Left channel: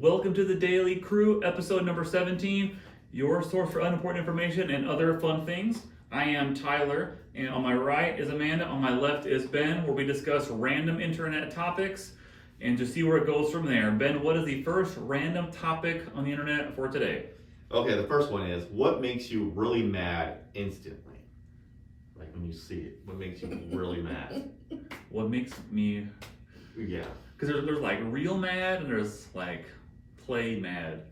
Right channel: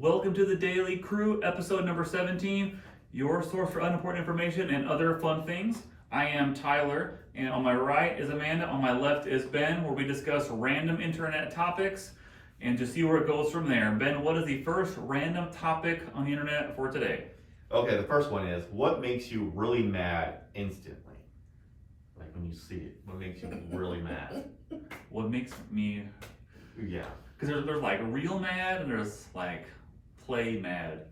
Welcome to the Daily Crew, episode number 17, your source for unimportant information and other fun things. I am Tyler, and on my right is Amanda, on my left is Ben, where we discuss random internet topics and just see where it goes from there. Ben, what is the first random topic on the internet for today? Okay, the first one is, what makes you really mad instantly? Like when you see it, what makes you really mad? What makes me... Yeah. Because there's like real mad and there's like play mad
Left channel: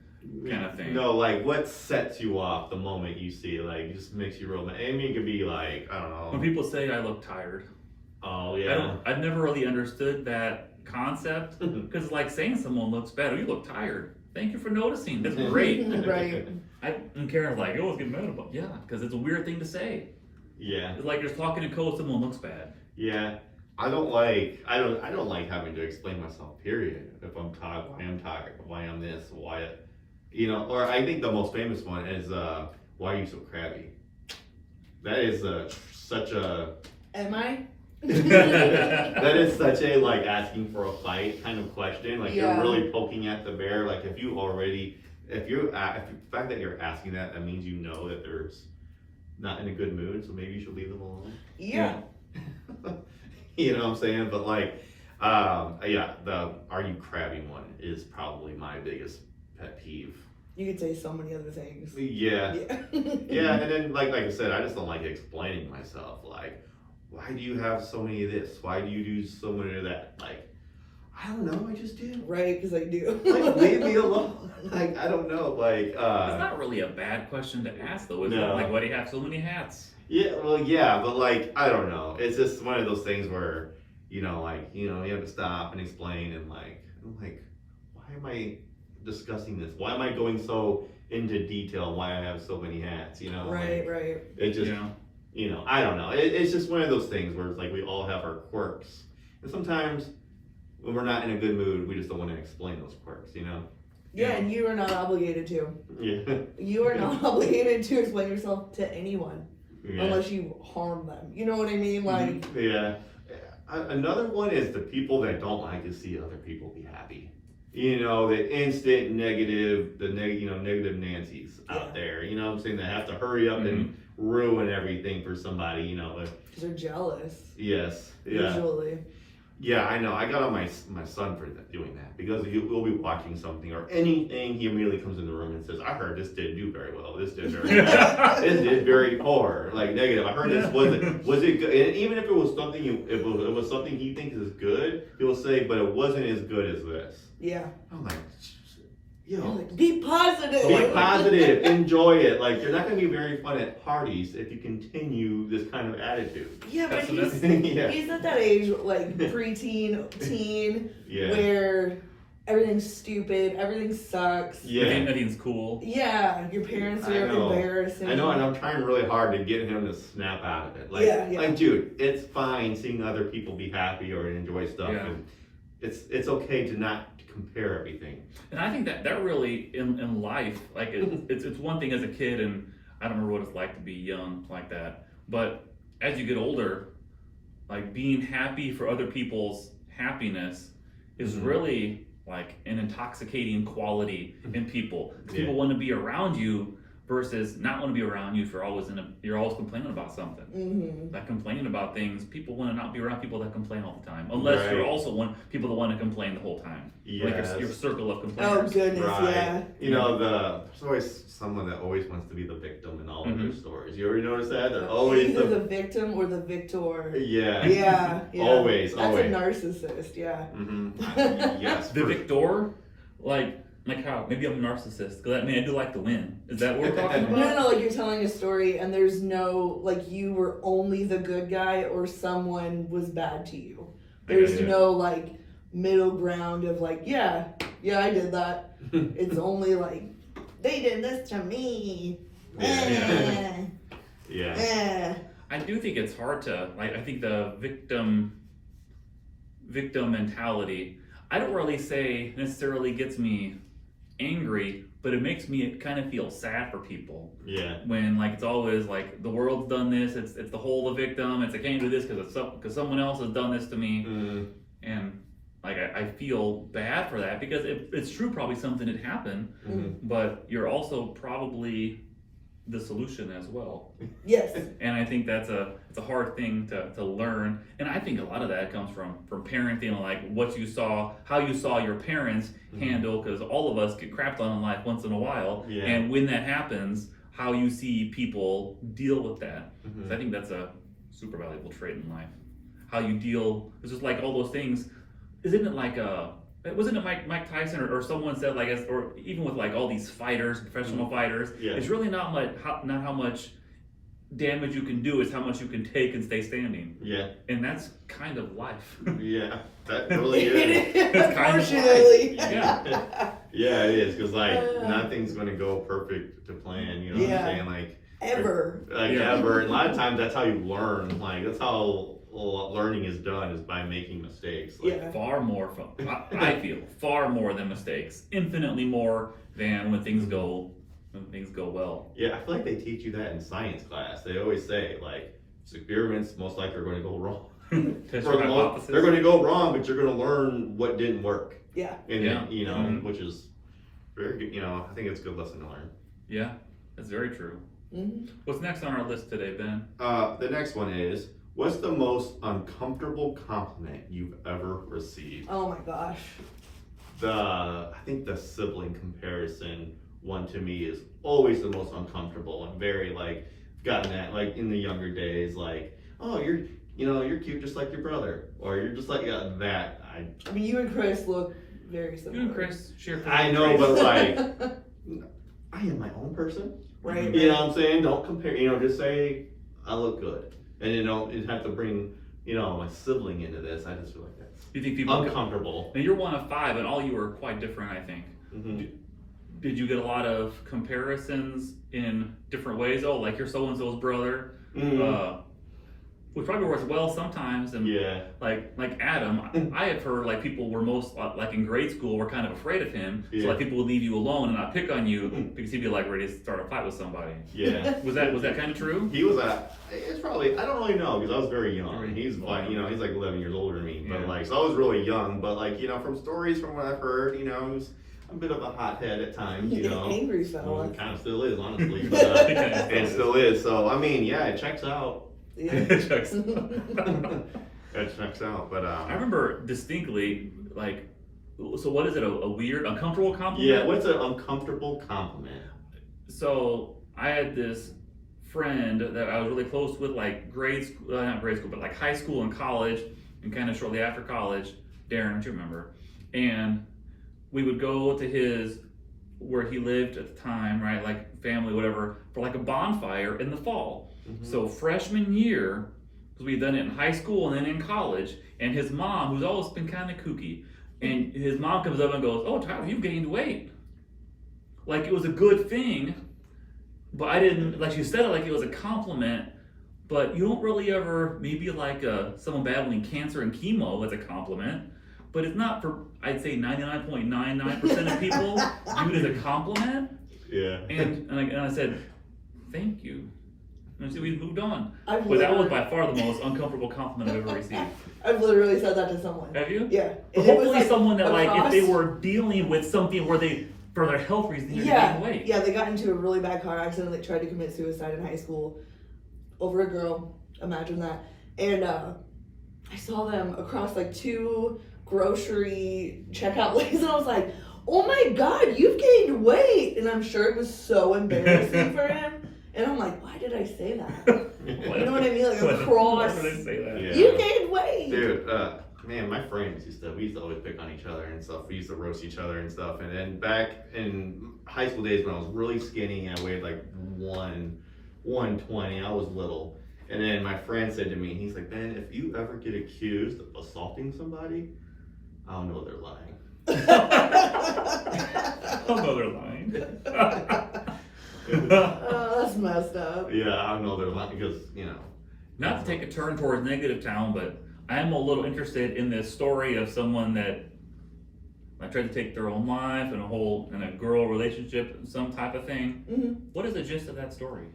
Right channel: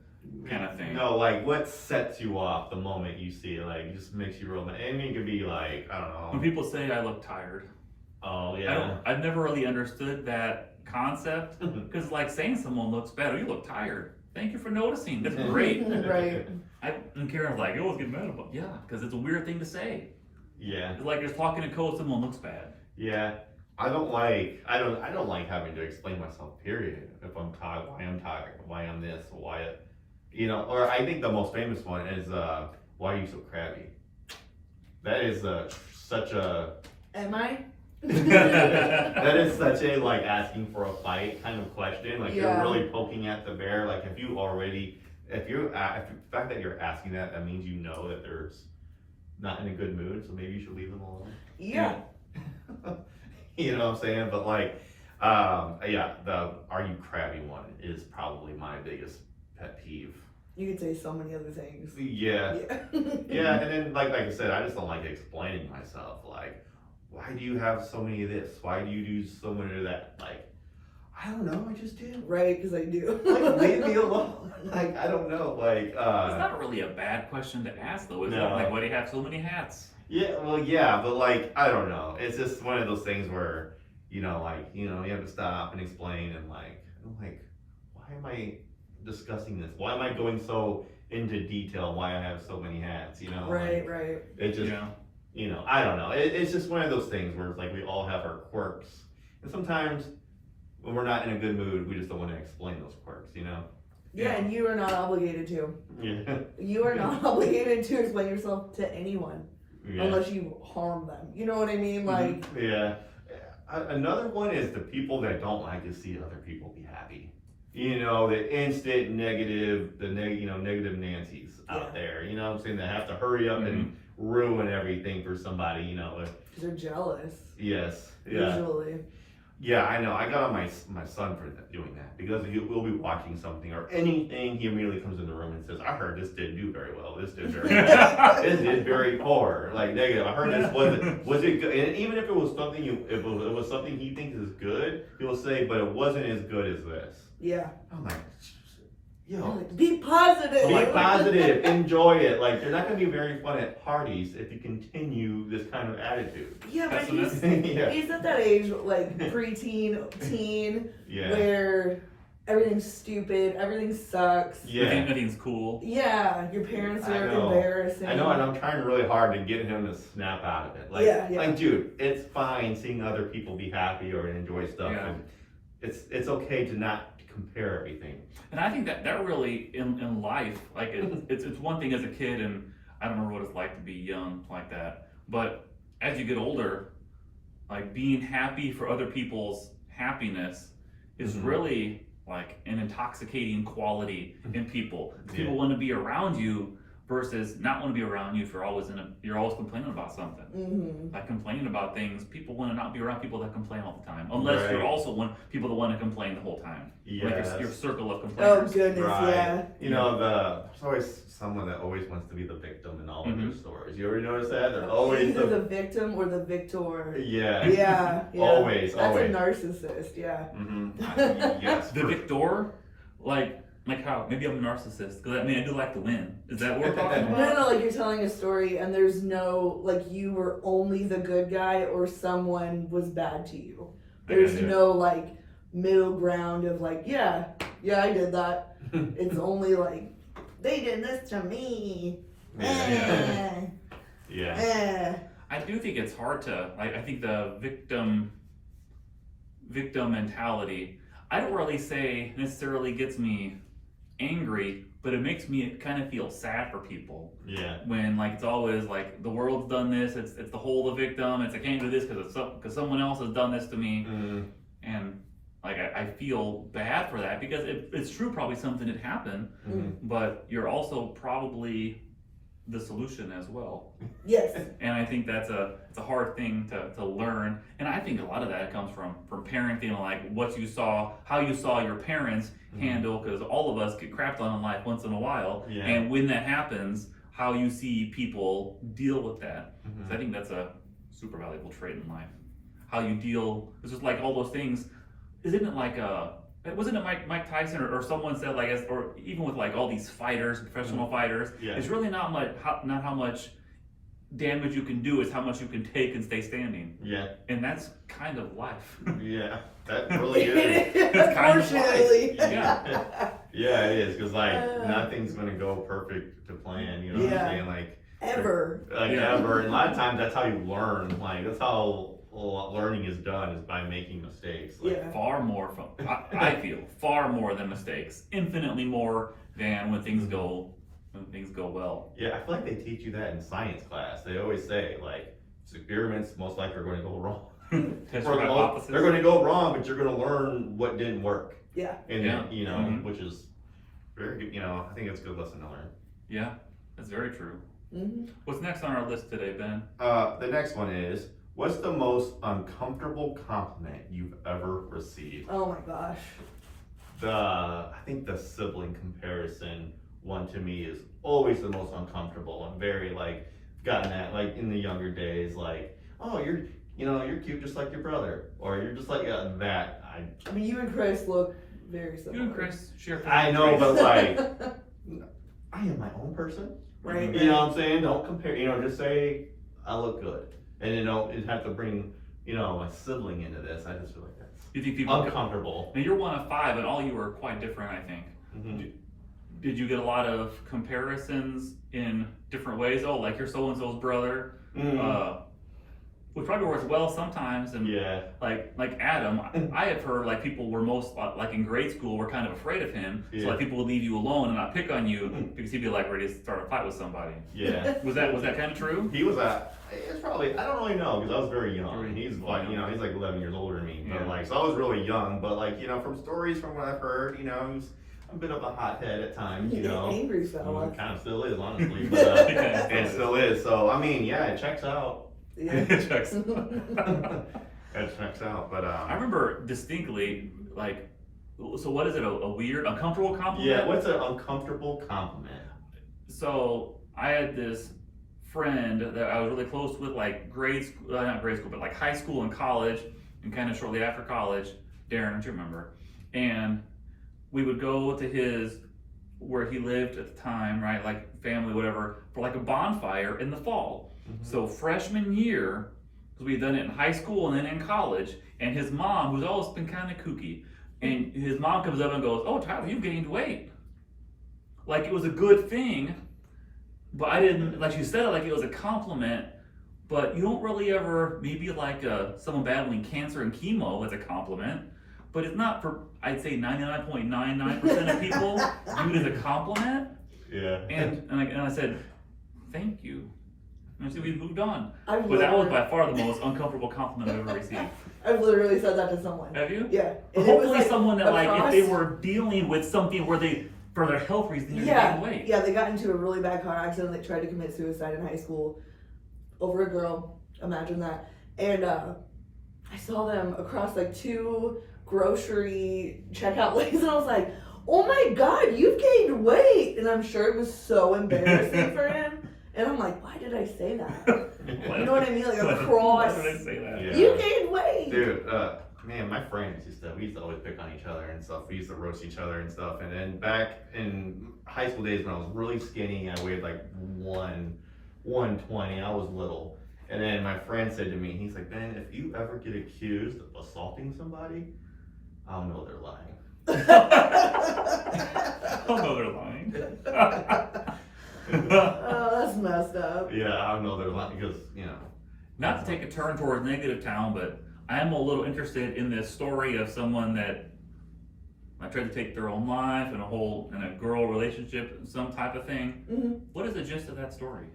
kind of thing. No, like what sets you off the moment you see it? Like just makes you real mad. I mean, it could be like, I don't know. When people say I look tired. Oh, yeah. I've never really understood that concept because like saying someone looks bad, oh, you look tired. Thank you for noticing. That's great. Right. And Karen's like, I always get mad about because it's a weird thing to say. Yeah. It's like just talking to code, someone looks bad. Yeah. I don't like having to explain myself, period. If I'm tired, why I'm tired, why I'm this, why, or I think the most famous one is, why are you so crabby? That is such a... Am I? That is such a, like, asking for a fight kind of question. Like, Yeah. you're really poking at the bear. Like, if the fact that you're asking that means you know that there's not in a good mood, so maybe you should leave them alone. Yeah. You know what I'm saying? But like, the are you crabby one is probably my biggest pet peeve. You could say so many other things. Yeah. Yeah. Yeah, and then like I said, I just don't like explaining myself. Like, why do you have so many of this? Why do you do so many of that? Like, I don't know, I just do. Right, because I do. Like, leave me alone. Like, I don't know. Like, It's not really a bad question to ask though, is it? No. Like, why do you have so many hats? yeah, well, yeah, but like, I don't know. It's just one of those things where, you have to stop and explain and like, I'm like, why am I discussing this? Why am I going so into detail? Why I have so many hats? Right, like, right. It just, Yeah. I don't know. It's just one of those things where it's like we all have our quirks, and sometimes when we're not in a good mood, we just don't want to explain those quirks. Yeah, and you are not obligated to. Yeah. You are not obligated to explain yourself to anyone Yeah. unless you harm them. You know what I mean? Like, Yeah. Another one is the people that don't like to see other people be happy. The instant negative, negative Nancy's out there. You know what I'm saying? That have to hurry up and ruin everything for somebody. because they're jealous. Yes. Yeah. Usually. Yeah, I know. I got on my son for doing that because we'll be watching something or anything. He immediately comes in the room and says, "I heard this didn't do very well. This did very bad. This did very poor, like negative. I heard this was it good? And even if it was something it was something he thinks is good, he'll say, but it wasn't as good as this. Yeah. I'm like, You're yo, like, be positive. be positive, enjoy it. Like you're not gonna be very fun at parties if you continue this kind of attitude. Yeah, but Yeah. he's at that age, like preteen, teen, Yeah. where everything's stupid, everything sucks. Yeah. Everything's cool. Yeah, your parents I are know. embarrassing. I know, and I'm trying really hard to get him to snap out of it. Like, Yeah. like, dude, it's fine seeing other people be happy or enjoy stuff, Yeah. and it's okay to not compare everything. And I think that really in life, like it's one thing as a kid, and I don't remember what it's like to be young like that. But as you get older, like being happy for other people's happiness is really like an intoxicating quality in people. People want to be around you versus not want to be around you if you're always complaining about something. Mm-hmm. Like complaining about things, people want to not be around people that complain all the time. Unless Right. you're also people that want to complain the whole time. Like Yes. your circle of Oh complainers. goodness, Right. yeah. There's always someone that always wants to be the victim in all of their stories. You ever notice that? They're always Either the victim or the victor. Yeah. Yeah, yeah. Always, That's always. a narcissist, yeah. Yes. The victor, like how? Maybe I'm a narcissist because I do like to win. Is that what we're talking about? No, like you're telling a story and there's no, like you were only the good guy or someone was bad to you. There's no like middle ground of like, yeah, I did that. It's only like, they did this to me. Yeah. I do think it's hard to I think the victim mentality, I don't really say necessarily gets me angry, but it makes me kind of feel sad for people. Yeah. When like it's always like the world's done this, it's the whole the victim. I can't do this because someone else has done this to me, and like I feel bad for that because it's true, probably something had happened, but you're also probably the solution as well. Yes. And I think it's a hard thing to learn. And I think a lot of that comes from parenting, like how you saw your parents handle, because all of us get crapped on in life once in a while. Yeah. And when that happens, how you see people deal with that. So I think that's a super valuable trait in life. How you deal, it's just like all those things. Isn't it like wasn't it Mike Tyson or someone said, like, or even with like all these fighters, professional fighters, it's really not how much damage you can do, it's how much you can take and stay standing. Yeah. And that's kind of life. Yeah, that really is. It's kind of Unfortunately. life. Yeah. Yeah, it is, because like nothing's going to go perfect to plan, you know what I'm saying? Like Ever. ever. And a lot of times that's how you learn. Like that's how learning is done, is by making mistakes. Like, Far more I feel far more than mistakes, infinitely more than when things go well. Yeah, I feel like they teach you that in science class. They always say like experiments most likely are going to go wrong. Test your hypothesis. They're going to go wrong, but you're going to learn what didn't work. Yeah. And you know, which is very good. You know, I think it's a good lesson to learn. Yeah, that's very true. What's next on our list today, Ben? The next one is, what's the most uncomfortable compliment you've ever received? Oh my gosh. I think the sibling comparison one to me is always the most uncomfortable. I'm very like gotten that like in the younger days, like, oh, you're cute just like your brother, or you're just like that. I mean, you and Chris look very similar. You and Chris share. I know, but like, I am my own person. Right. You know what I'm saying? Don't compare. You know, just say I look good, and you know, it'd have to bring my sibling into this. I just feel like that's You think people uncomfortable. Now you're one of 5, and all you are quite different, I think. Did you get a lot of comparisons in different ways? Oh, like you're so and so's brother, which probably works well sometimes. And like Adam, I have heard like people were most like in grade school were kind of afraid of him, so like people would leave you alone and not pick on you because he'd be like ready to start a fight with somebody. Yeah. Was that kind of true? He was it's probably, I don't really know, because I was very young. He's like, he's like 11 years older than me, but like, so I was really young, but like, from stories from what I've heard, he was a bit of a hothead at times, Angry fella. Kind of still is, honestly, but it still is. So, I mean, yeah, it checks out. Yeah. It checks. It checks out, but I remember distinctly, like, so what is it, a weird, uncomfortable compliment? Yeah, what's an uncomfortable compliment? So, I had this friend that I was really close with, like not grade school, but like high school and college, and kind of shortly after college, Darren, don't you remember? And we would go to where he lived at the time, right, like family, whatever, for like a bonfire in the fall. So freshman year, because we'd done it in high school and then in college, and his mom, who's always been kind of kooky, and his mom comes up and goes, "Oh, Tyler, you've gained weight." Like it was a good thing, but I didn't, like she said it like it was a compliment, but you don't really ever, maybe like someone battling cancer and chemo as a compliment, but it's not for, I'd say 99.99% of people viewed as a compliment. Yeah. And I said, "Thank you." And so we moved on. But that was by far the most uncomfortable compliment I've ever received. I've literally said that to someone. Have you? Yeah. And hopefully like someone that like, if they were dealing with something where for their health reasons, they gained weight. Yeah, they got into a really bad car accident. They tried to commit suicide in high school over a girl. Imagine that. And I saw them across like 2 grocery checkout lanes, and I was like, "Oh my God, you've gained weight!" And I'm sure it was so embarrassing for him. And I'm like, "Why did I say that?" You know what I mean? Like across. Why did I say that? Yeah. You gained weight, dude. Man, my friends we used to always pick on each other and stuff. We used to roast each other and stuff. And then back in high school days when I was really skinny, I weighed like 120. I was little. And then my friend said to me, he's like, "Ben, if you ever get accused of assaulting somebody, I'll know they're lying." I'll know they're lying. Oh, that's messed up. Yeah, I know they're lying because, Not to take a turn towards negative town, but I am a little interested in this story of someone that tried to take their own life in a girl relationship, some type of thing. What is the gist of that story?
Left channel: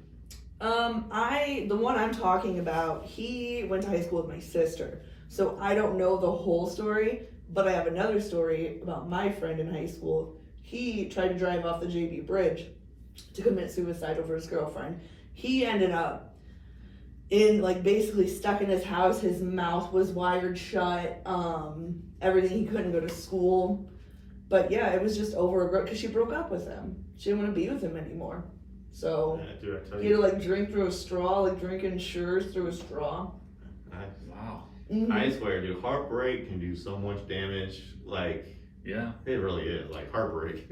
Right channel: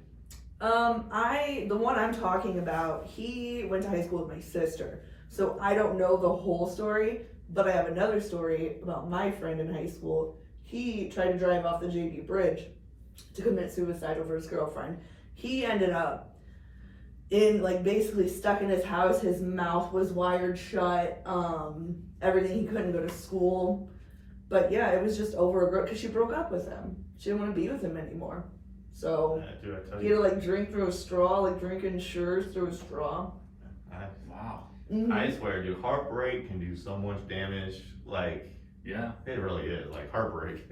The one I'm talking about, he went to high school with my sister, so I don't know the whole story. But I have another story about my friend in high school. He tried to drive off the JB Bridge to commit suicide over his girlfriend. He ended up in like basically stuck in his house. His mouth was wired shut. Everything. He couldn't go to school. But yeah, it was just over a girl because she broke up with him. She didn't want to be with him anymore. So Yeah, dude, I tell he had to like drink through a straw, like drinking Sures through a straw. Wow. I swear, dude, heartbreak can do so much damage. Like, Yeah. it really is. Like, heartbreak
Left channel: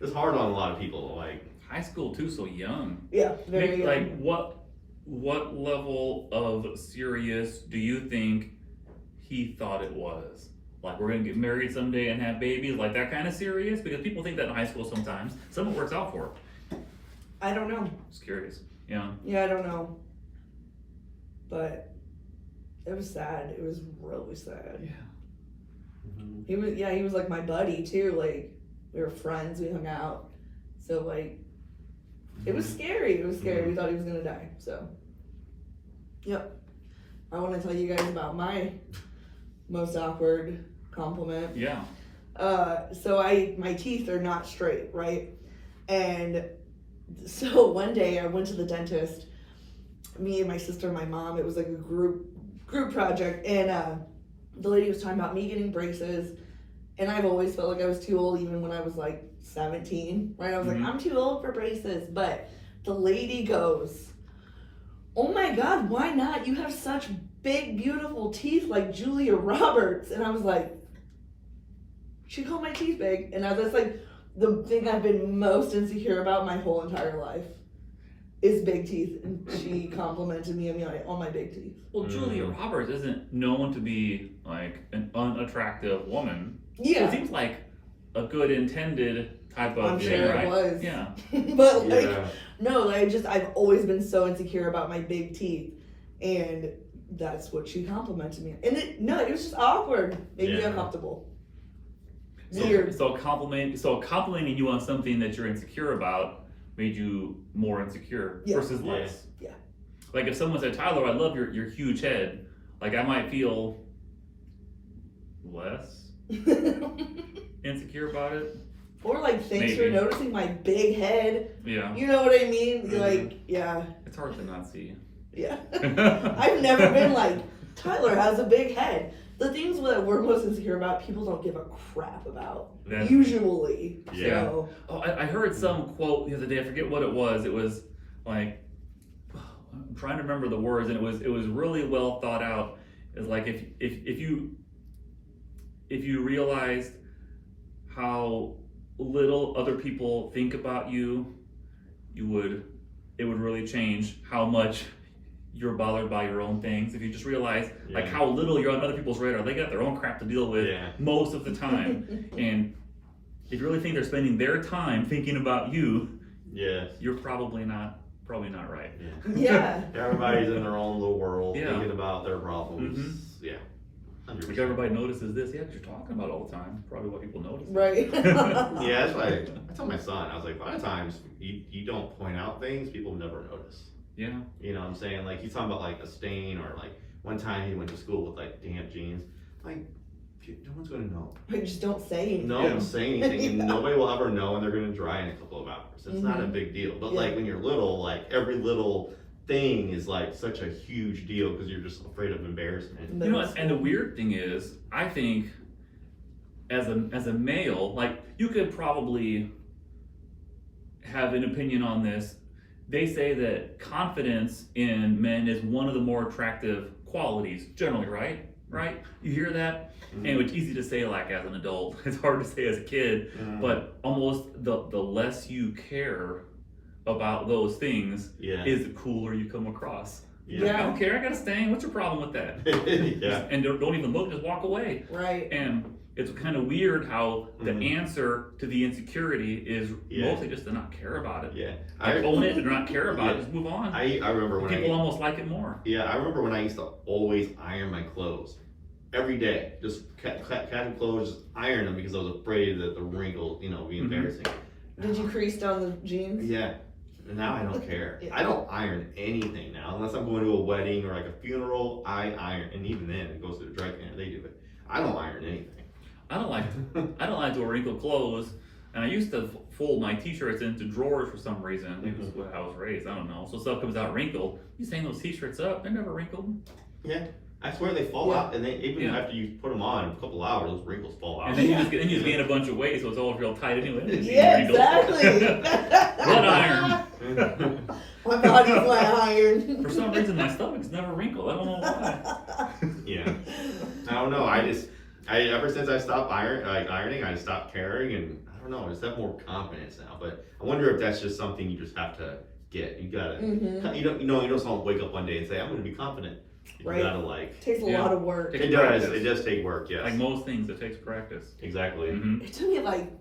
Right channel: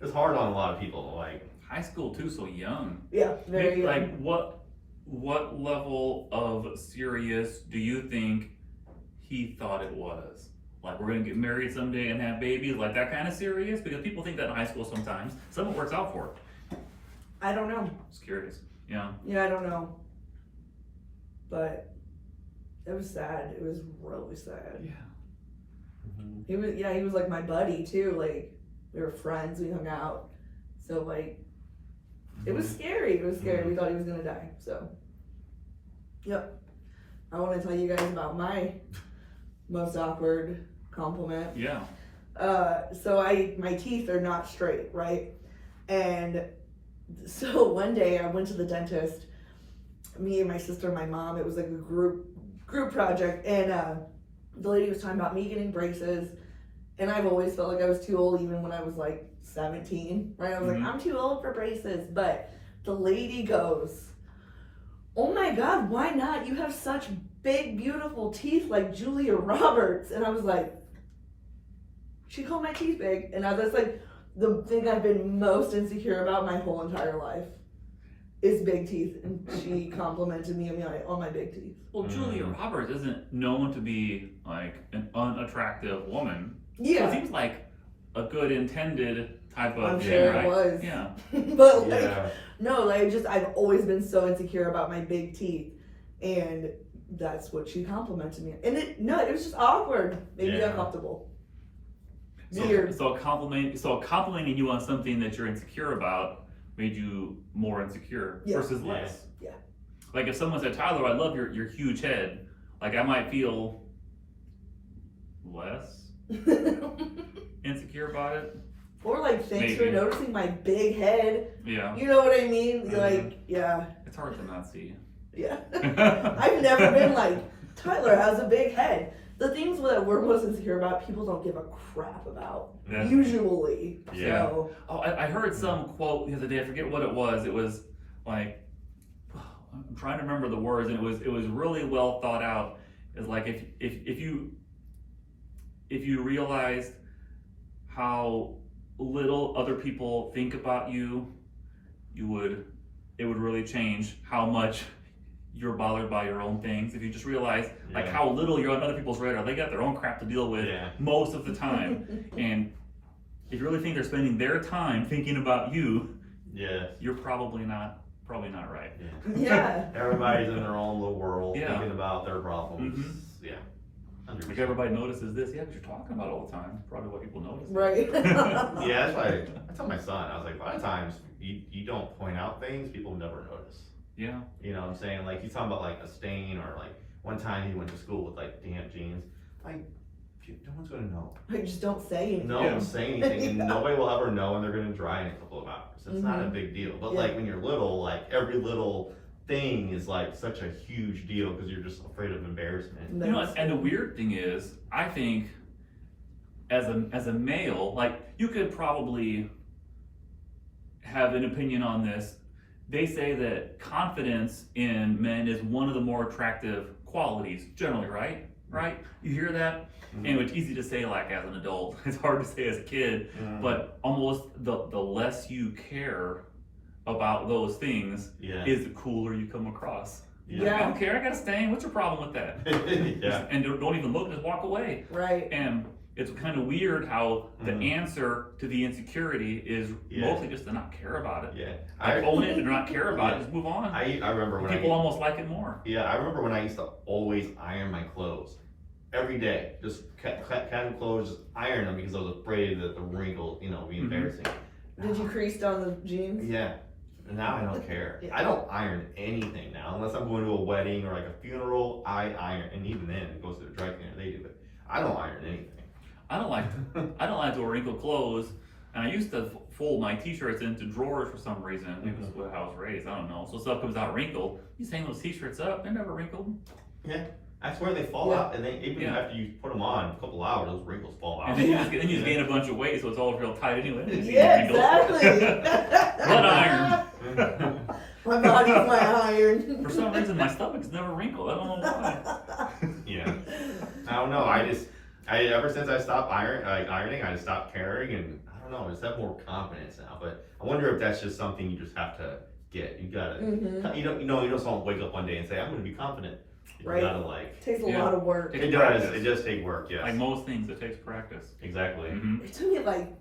it's hard on a lot of people. Like, High school too, so young. Yeah, very Maybe, young. like what level of serious do you think he thought it was? Like we're gonna get married someday and have babies, like that kind of serious? Because people think that in high school sometimes. Some of it works out for it. I don't know. Just curious. Yeah. Yeah, I don't know. But it was sad. It was really sad. Yeah. He was like my buddy too. Like we were friends, we hung out. So like it was scary. It was scary. We thought he was gonna die. So yep. I wanna tell you guys about my most awkward compliment. Yeah. So my teeth are not straight, right? And so one day I went to the dentist, me and my sister and my mom. It was like a group project, and the lady was talking about me getting braces, and I've always felt like I was too old, even when I was like 17, right? I was like, I'm too old for braces, but the lady goes, "Oh my God, why not? You have such big, beautiful teeth like Julia Roberts." And I was like, she called my teeth big, and that's like the thing I've been most insecure about my whole entire life is big teeth, and she complimented me on my big teeth. Well, Julia Roberts isn't known to be like an unattractive woman. Yeah, It seems like a good intended type of I'm thing, sure right? it was. Yeah. But like, Yeah. no, I've always been so insecure about my big teeth, and that's what she complimented me. And it was just awkward, made me Yeah. uncomfortable. So, Weird. so complimenting you on something that you're insecure about made you more insecure Yeah. versus Yeah. less. Yeah. Like if someone said, "Tyler, I love your huge head," like I might feel less insecure about it. Or like, thanks for Maybe. noticing my big head. Yeah. You know what I mean? Like, yeah, It's hard to not see. yeah. I've never been like, Tyler has a big head. The things that we're most insecure about, people don't give a crap about. Yeah. Usually. Yeah. So, Oh, I heard some quote the other day. I forget what it was. It was like, I'm trying to remember the words, and it was really well thought out. It's like if you realized how little other people think about you, it would really change how much you're bothered by your own things. If you just realize like Yeah. how little you're on other people's radar, they got their own crap to deal with Yeah. most of the time. And if you really think they're spending their time thinking about you, Yeah. you're probably not right. yeah. Everybody's in their own little world, Yeah. thinking about their problems. Yeah. 100%. Like everybody notices this, yeah, because you're talking about it all the time. Probably what people notice. Right. Yeah, that's why I tell my son, I was like, a lot of times you don't point out things, people never notice. Yeah. You know what I'm saying? Like, he's talking about like a stain, or like one time he went to school with like damp jeans. Like, no one's gonna know. I just don't say anything. No Yeah. one's saying anything. Yeah. Nobody will ever know, and they're gonna dry in a couple of hours. It's not a big deal. But Yeah. like when you're little, like every little thing is like such a huge deal because you're just afraid of embarrassment. You know, and the weird thing is, I think as a male, like you could probably have an opinion on this. They say that confidence in men is one of the more attractive qualities, generally, right? Right? You hear that? And it's easy to say like as an adult. It's hard to say as a kid. But almost the less you care about those things Yeah. is the cooler you come across. Yeah. I don't care, I got a stain. What's your problem with that? Yeah. And don't even look, just walk away. Right. And it's kind of weird how the answer to the insecurity is Yeah. mostly just to not care about it. Yeah. Like own it and not care about it, just move on. I remember when People almost like it more. Yeah, I remember when I used to always iron my clothes every day. Just casual clothes, just iron them because I was afraid that the wrinkle, be embarrassing. Did you crease down the jeans? Yeah. And now I don't care. Yeah. I don't iron anything now unless I'm going to a wedding or like a funeral. I iron, and even then it goes to the dry cleaner. They do it. I don't iron anything. I don't like to wear wrinkled clothes, and I used to fold my t-shirts into drawers for some reason. It was what I was raised. I don't know. So stuff comes out wrinkled. You hang those t-shirts up, they're never wrinkled. Yeah, I swear they fall out, and they even after you put them on a couple hours, those wrinkles fall out. And then you just gain a bunch of weight, so it's all real tight anyway. Yeah, exactly. Blood iron. My body's my iron. For some reason, my stomach's never wrinkled. I don't know why. Yeah, I don't know. I ever since I stopped ironing, I stopped caring, and I don't know. I just have more confidence now. But I wonder if that's just something you just have to get. You gotta, you don't wake up one day and say, I'm going to be confident. You gotta takes a lot of work. It does. It does take work. Yes. Like most things, it takes practice. Exactly. It took me like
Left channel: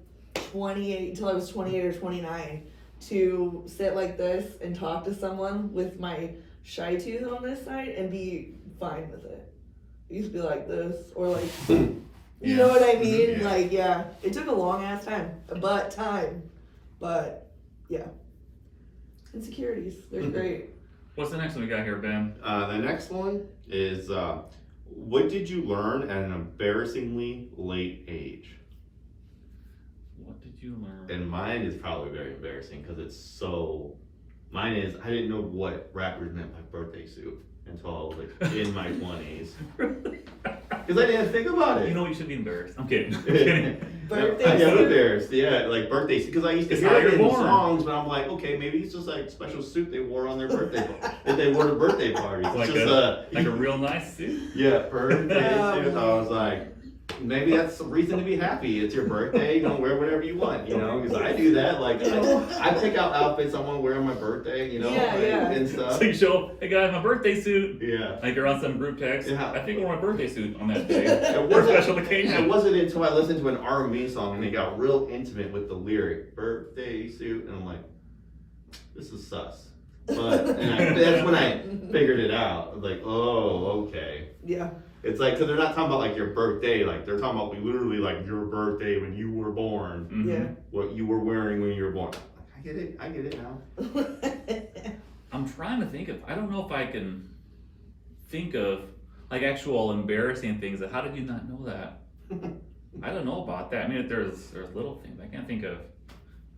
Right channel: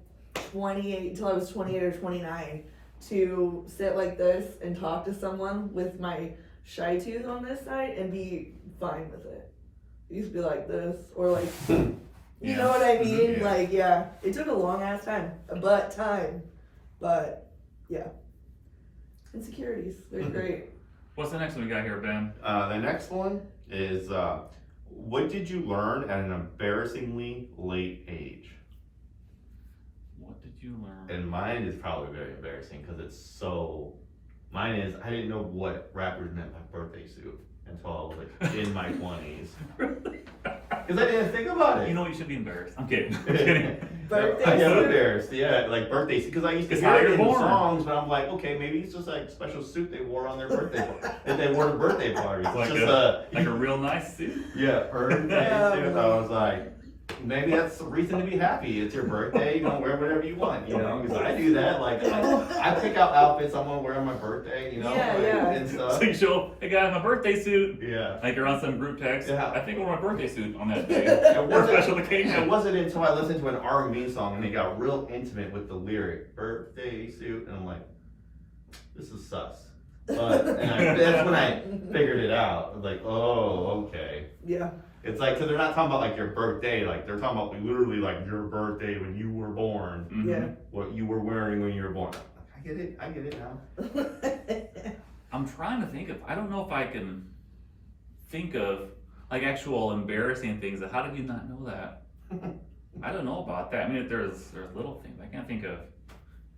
28 until I was 28 or 29 to sit like this and talk to someone with my shy tooth on this side and be fine with it. I used to be like this, or like, you know what I mean? Yeah. Like, yeah, it took a long ass time, but yeah. Insecurities, they're great. What's the next one we got here, Ben? The next one is, what did you learn at an embarrassingly late age? What did you learn? And mine is probably very embarrassing because it's so. Mine is, I didn't know what rappers meant by birthday suit until I was like in my 20s. Because I didn't think about it. You know you should be embarrassed. I'm kidding. I'm kidding. Birthday I am suit? embarrassed, yeah, like birthday suit. Because I used to It's hear how it you're in born. songs, but I'm like, okay, maybe it's just like special suit they wore on their birthday, that they wore to birthday parties. It's Like just like a real nice suit. yeah, birthday Yeah. suit. I was like, maybe that's a reason to be happy. It's your birthday, you know, wear whatever you want, you know, because I do that. Like, I pick out outfits I want to wear on my birthday, you know, and stuff. So you show, hey guys, my birthday suit. Yeah. Like you're on some group text. Yeah. I think I wore my birthday suit on that day. It For a wasn't- special It occasion. wasn't until I listened to an R&B song and they got real intimate with the lyric, birthday suit, and I'm like, this is sus. But that's when I figured it out. I was like, oh, okay. Yeah. It's like, because they're not talking about like your birthday, like they're talking about like, literally like your birthday when you were born, Yeah. what you were wearing when you were born. I get it now. I'm trying to think of, I don't know if I can think of like actual embarrassing things. How did you not know that? I don't know about that. I mean, there's little things I can't think of.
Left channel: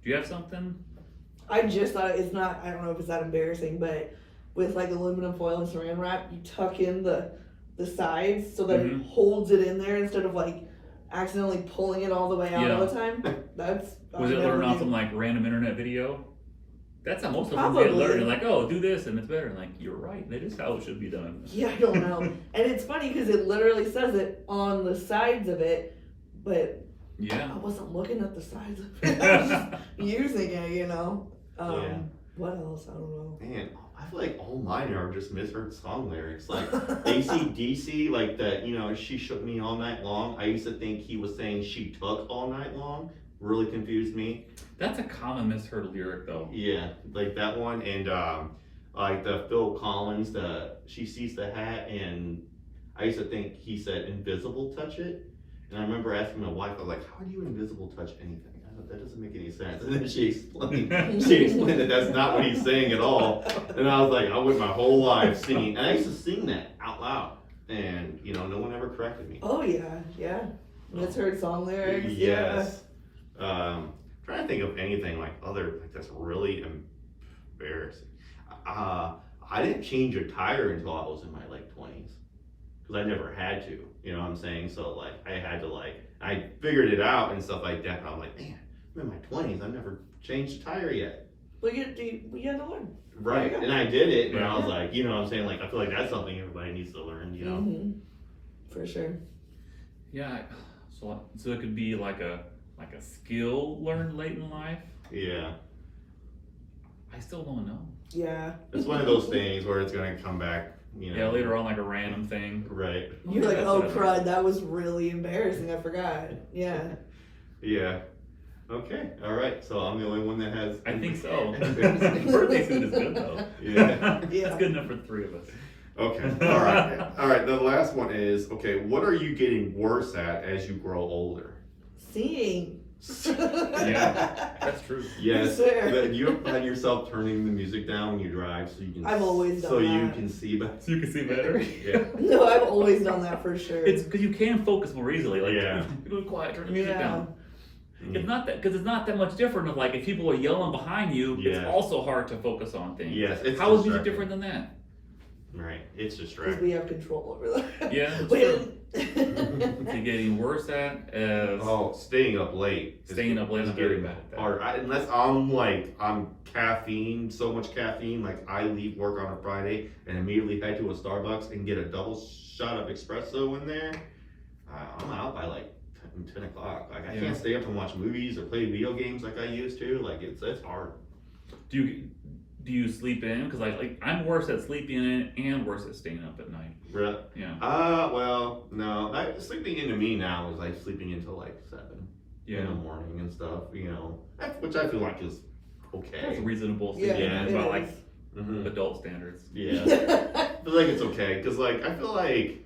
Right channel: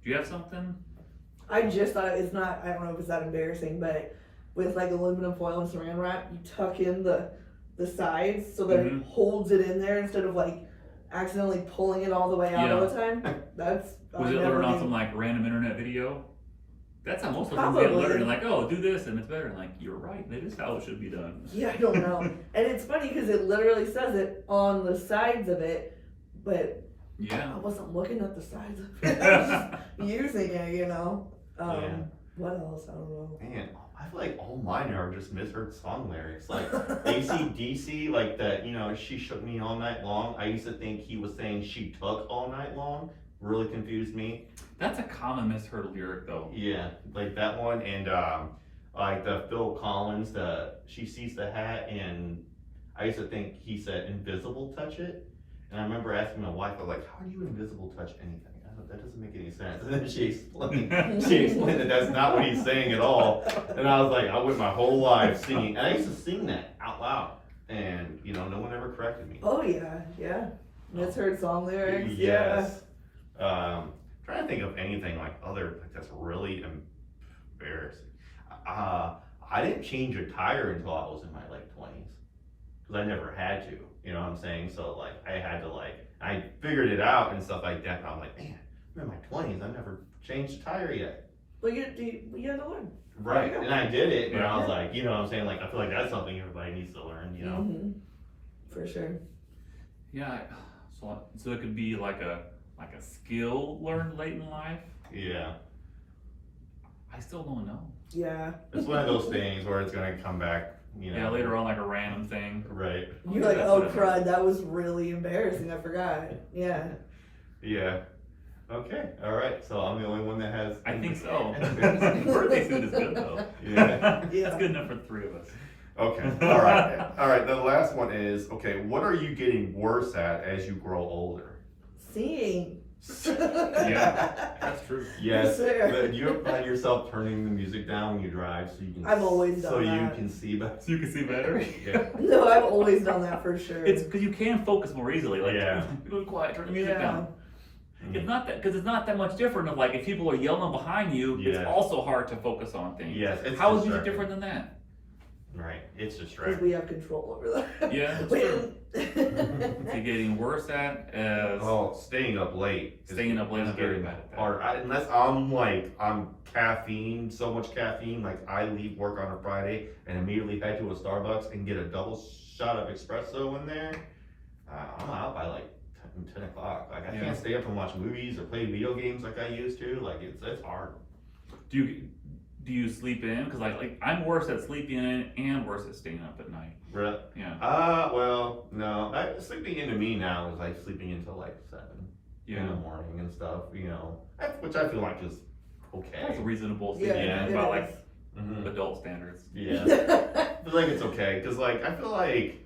Do you have something? I just thought it's not, I don't know if it's that embarrassing, but with like aluminum foil and saran wrap, you tuck in the sides so that it holds it in there instead of like accidentally pulling it all the way out all the time. That's Was it learned on some like random internet video? That's how most of them get Probably. learned. Like, oh, do this and it's better. And like, you're right. That is how it should be done. Yeah, I don't know. And it's funny because it literally says it on the sides of it, but Yeah. I wasn't looking at the sides of it. I was just using it, you know. Yeah. What else? I don't know. Man, I feel like all mine are just misheard song lyrics. Like AC/DC, like that, you know, she shook me all night long. I used to think he was saying she took all night long. Really confused me. That's a common misheard lyric though. Yeah, like that one, and like the Phil Collins, the she sees the hat, and I used to think he said invisible touch it, and I remember asking my wife, I was like, how do you invisible touch anything? That doesn't make any sense. And then she explained that that's not what he's saying at all. And I was like, I went my whole life singing, and I used to sing that out loud, and you know, no one ever corrected me. Oh yeah. Misheard song lyrics. Yes. Trying to think of anything like that's really embarrassing. I didn't change a tire until I was in my late 20s because I never had to. You know what I'm saying? So like I had to I figured it out and stuff like that. And I was like, man, I'm in my 20s. I've never changed a tire yet. Well, you had to learn. Right. Yeah. And I did it, and I was like, you know what I'm saying? Like I feel like that's something everybody needs to learn. You know? Mm-hmm. For sure. Yeah. So it could be like a skill learned late in life. Yeah. I still don't know. Yeah. It's one of those things where it's gonna come back. You know. Yeah, later on, like a random thing. Right. You're like, That's oh what it is. crud, that was really embarrassing. I forgot. Yeah. Yeah. Okay. All right. So I'm the only one that has. I think so. Birthday suit is good though. Yeah. Yeah. That's good enough for the three of us. Okay. All right. All right. The last one is okay. What are you getting worse at as you grow older? Seeing. Yeah, that's true. Yes, Fair. but you ever find yourself turning the music down when you drive so you can. I've always done so you that. can see better. So you can see better. Yeah. No, I've always done that for sure. It's because you can focus more easily. Like, Yeah. go quiet, turn the music Yeah. down. It's not that because it's not that much different. Of like if people are yelling behind you, Yeah. it's also hard to focus on things. Yes, it's How is music distracting. different than that? Right, it's because distracting. we have control over that. Yeah, that's We- You're getting worse at as Oh, staying up late. Staying up late, is I'm very getting bad at that. harder. Unless I'm caffeine, so much caffeine, like I leave work on a Friday and immediately head to a Starbucks and get a double shot of espresso in there. I'm out by like 10 o'clock. Like I Yeah. can't stay up and watch movies or play video games like I used to. Like it's hard. do you sleep in? Because I'm worse at sleeping in and worse at staying up at night. Really? Yeah. Well, no. Sleeping into me now is like sleeping until like 7 in Yeah. the morning and stuff. You know, which I feel like is okay. That's reasonable Yeah, sleeping it in by is. like Mhm. adult standards. Yeah. I feel like it's okay because like I feel like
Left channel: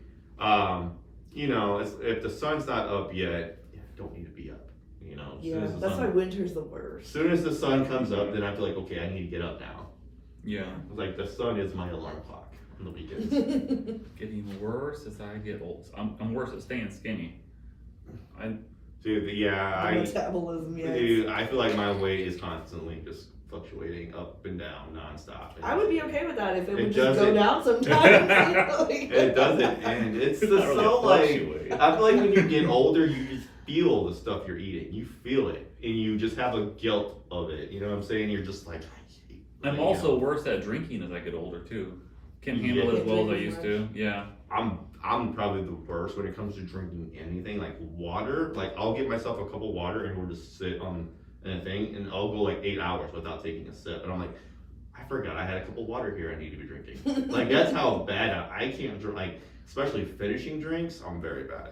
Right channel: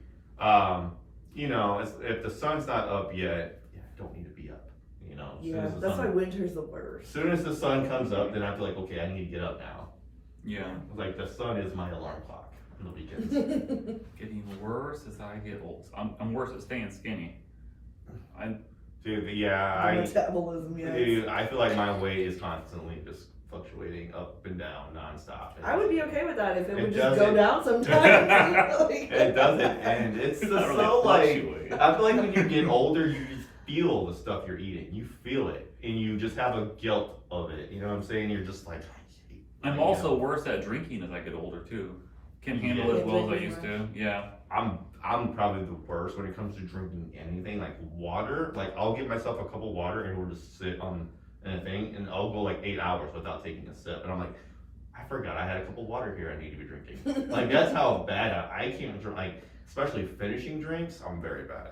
you know if the sun's not up yet, I don't need to be up. You know, as soon Yeah, as the that's why sun, winter's the as worst. soon as the sun comes up, then I feel like okay, I need to get up now. Yeah. It's like the sun is my alarm clock on the weekends. Getting worse as I get old. I'm worse at staying skinny. Dude, yeah, The metabolism, yes. dude, I feel like my weight is constantly just fluctuating up and down nonstop. I would be okay with that if it It would just doesn't. go down sometimes. Like- It doesn't, and it's It's just not really so like. fluctuating. I feel like when you get older, you just feel the stuff you're eating. You feel it, and you just have a guilt of it. You know what I'm saying? You're just like, I hate. I'm you also know, worse at drinking as I get older too. Can't Yeah. handle it as well as I Drinking used to. Yeah. I'm probably the worst when it comes to drinking anything like water. Like I'll get myself a cup of water and we'll just sit on a thing, and I'll go like 8 hours without taking a sip, and I'm like, I forgot I had a cup of water here. I need to be drinking. Like that's how bad I can't drink. Like especially finishing drinks, I'm very bad.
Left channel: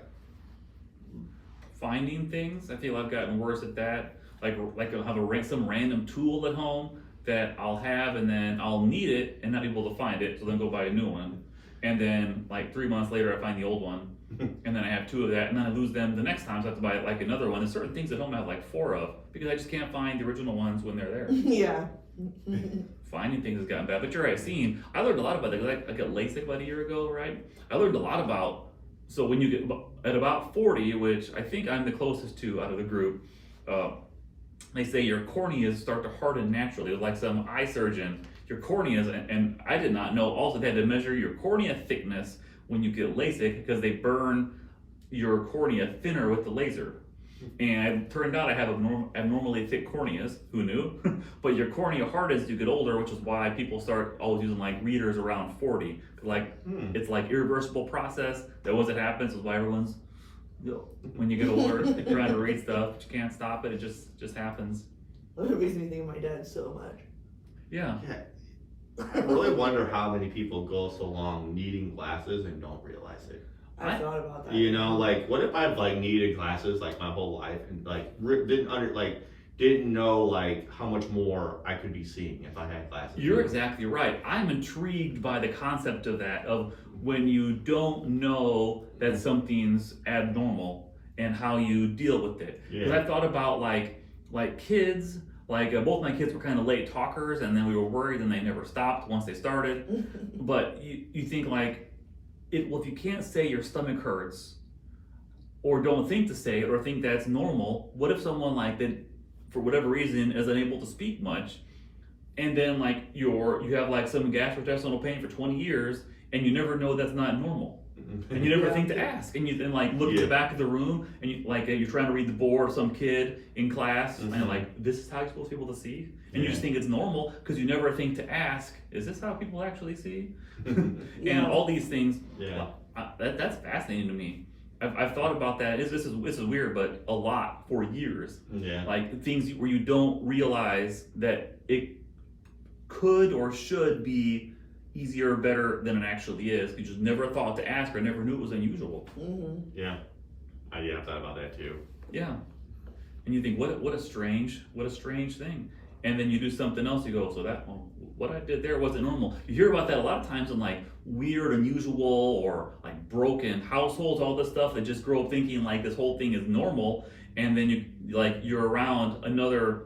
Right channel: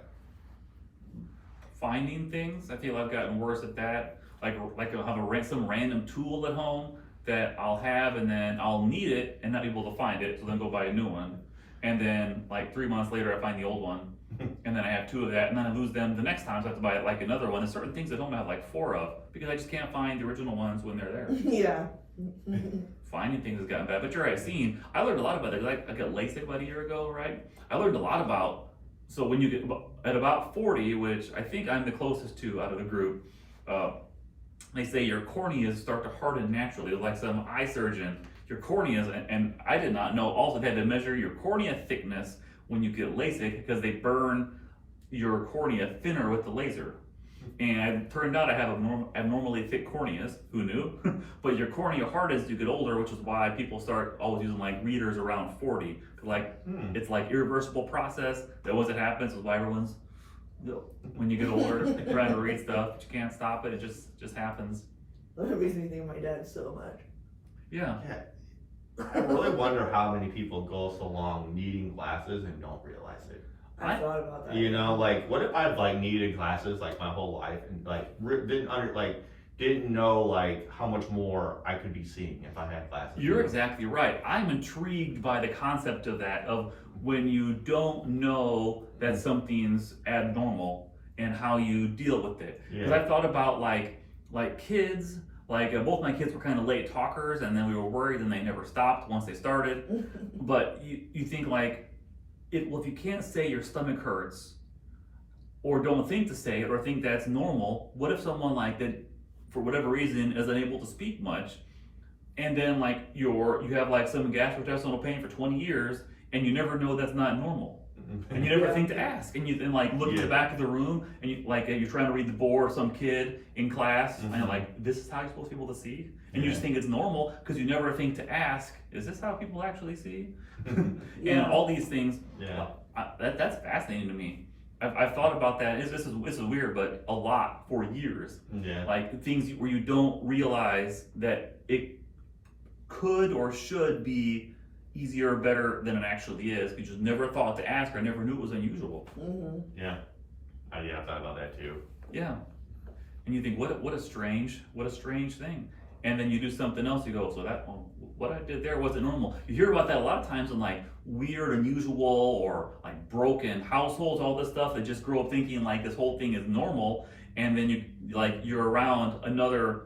Finding things, I feel I've gotten worse at that. Like I'll have some random tool at home that I'll have and then I'll need it and not be able to find it, so then go buy a new one. And then like 3 months later I find the old one. And then I have 2 of that, and then I lose them the next time, so I have to buy like another one. There's certain things at home I have like 4 of because I just can't find the original ones when they're there. Yeah. Finding things has gotten bad, but you're right. I learned a lot about it. I got LASIK about a year ago, right? I learned a lot about. So when you get at about 40, which I think I'm the closest to out of the group, they say your corneas start to harden naturally. Like some eye surgeon, your corneas, and I did not know. Also, they had to measure your cornea thickness when you get LASIK because they burn your cornea thinner with the laser. And it turned out I have abnormally thick corneas. Who knew? But your cornea hardens as you get older, which is why people start always using like readers around 40. It's like irreversible process. That once it happens, is why everyone's when you get older trying to read stuff, but you can't stop it. It just happens. That makes me think of my dad so much. Yeah. I really wonder how many people go so long needing glasses and don't realize it. I thought about that. You know, like what if I've like needed glasses like my whole life and like didn't know like how much more I could be seeing if I had glasses. You're exactly right. I'm intrigued by the concept of that, of when you don't know that something's abnormal and how you deal with it. Because Yeah. I've thought about like kids, both my kids were kind of late talkers, and then we were worried and they never stopped once they started. But you think like, if you can't say your stomach hurts, or don't think to say it, or think that's normal, what if someone like that, for whatever reason, is unable to speak much, and then like you have like some gastrointestinal pain for 20 years, and you never know that's not normal, and you never Yeah. think to ask, and you then like look at the back of the room, and you're trying to read the board, some kid in class, and like, this is how you're supposed to be able to see, and you just think it's normal because you never think to ask, is this how people actually see? Yeah. And all these things. Yeah. That's fascinating to me. I've thought about that. This is weird, but a lot for years. Yeah. Like things where you don't realize that it could or should be easier or better than it actually is. You just never thought to ask or never knew it was unusual. Yeah. I've thought about that too. Yeah. And you think, what a strange thing. And then you do something else, you go, so what I did there wasn't normal. You hear about that a lot of times in like weird, unusual, or like broken households, all this stuff that just grow up thinking like this whole thing is normal, and then you're around another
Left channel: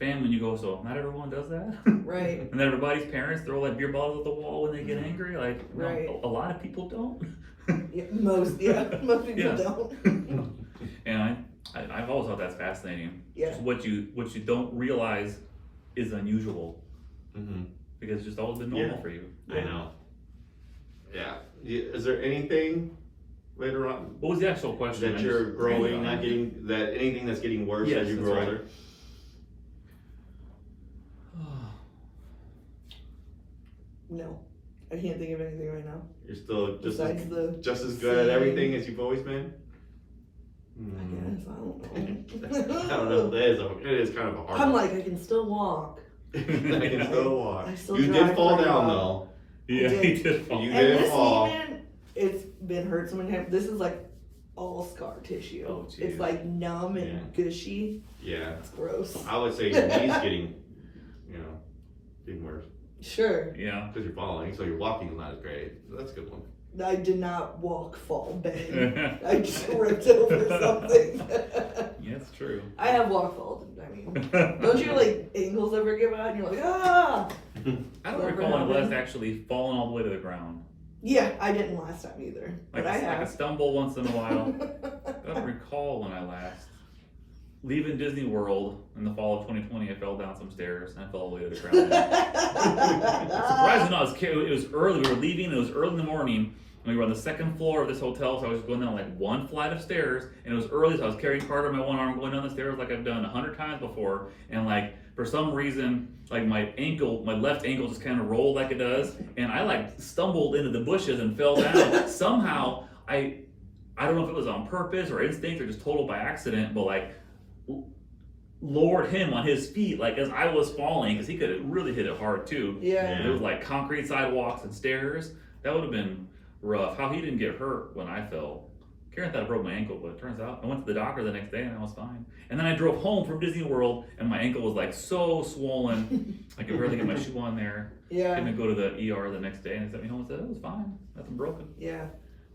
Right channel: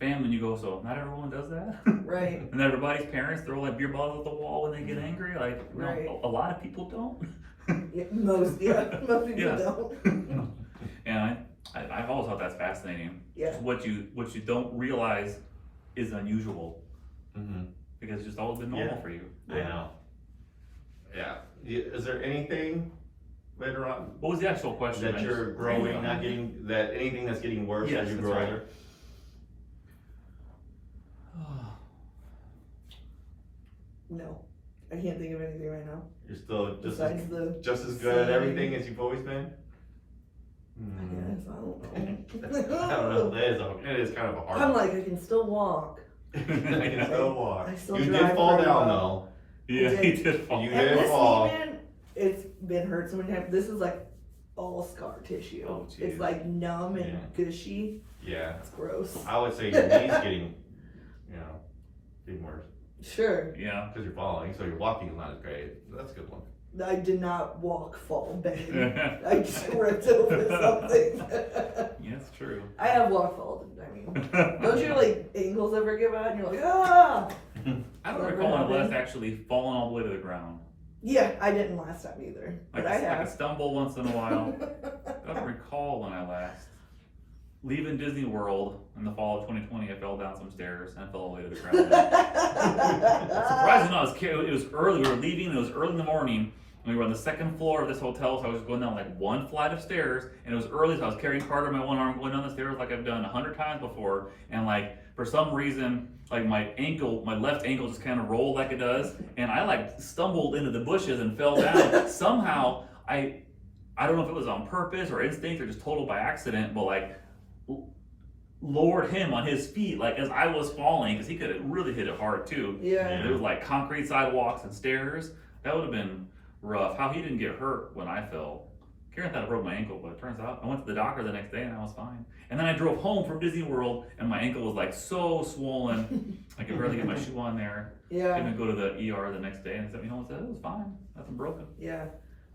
fan when you go, so not everyone does that. Right. And everybody's parents throw like beer bottles at the wall when they get angry. Like, no, Right. a lot of people don't. Yeah, most people Yeah. don't. And I've always thought that's fascinating. Yeah. Just what you don't realize is unusual Mm-hmm. because it's just always been normal Yeah. for you. I know. Yeah. Is there anything later on What was the actual question? that you're growing, not getting that anything that's getting worse Yes, as you that's grow right. older? No, I can't think of anything right now. You're still Besides the just as good at same- everything as you've always been? I guess, I don't I don't know. know. It is kind of a hard I'm one. like, I can still walk. I can still walk. I still You drive did fall pretty down well. though. Yeah, I he did. did fall. You And did this fall. even, it's been hurt so many times. This is like all scar tissue. Oh, geez. It's like numb and Yeah. gushy. Yeah. It's gross. I would say your knees getting worse. Sure. Yeah. Because you're falling, so your walking is not as great. That's a good one. I did not walk, fall, bang. I tripped over something. Yeah, it's true. I have walk, fall. I mean, don't your like ankles ever give out and you're like, ah? I don't Never recall my happened. last actually falling all the way to the ground. Yeah, I didn't last time either. Like, But I I have. could stumble once in a while. I don't recall when I last. Leaving Disney World in the fall of 2020, I fell down some stairs and I fell all the way to the ground. Surprisingly, it was early. We were leaving. And it was early in the morning. And we were on the second floor of this hotel, so I was going down like one flight of stairs. And it was early, so I was carrying Carter in my one arm, going down the stairs like I've done 100 times before. And like for some reason, like my left ankle just kind of rolled like it does, and I like stumbled into the bushes and fell down. Somehow, I don't know if it was on purpose or instinct or just total by accident, but like lowered him on his feet like as I was falling, because he could have really hit it hard too. Yeah. And it was like concrete sidewalks and stairs. That would have been rough. How he didn't get hurt when I fell. Karen thought I broke my ankle, but it turns out I went to the doctor the next day and I was fine. And then I drove home from Disney World and my ankle was like so swollen. I could barely get my shoe on there. I Yeah. had to go to the ER the next day and they sent me home and said it was fine. Nothing broken. Yeah.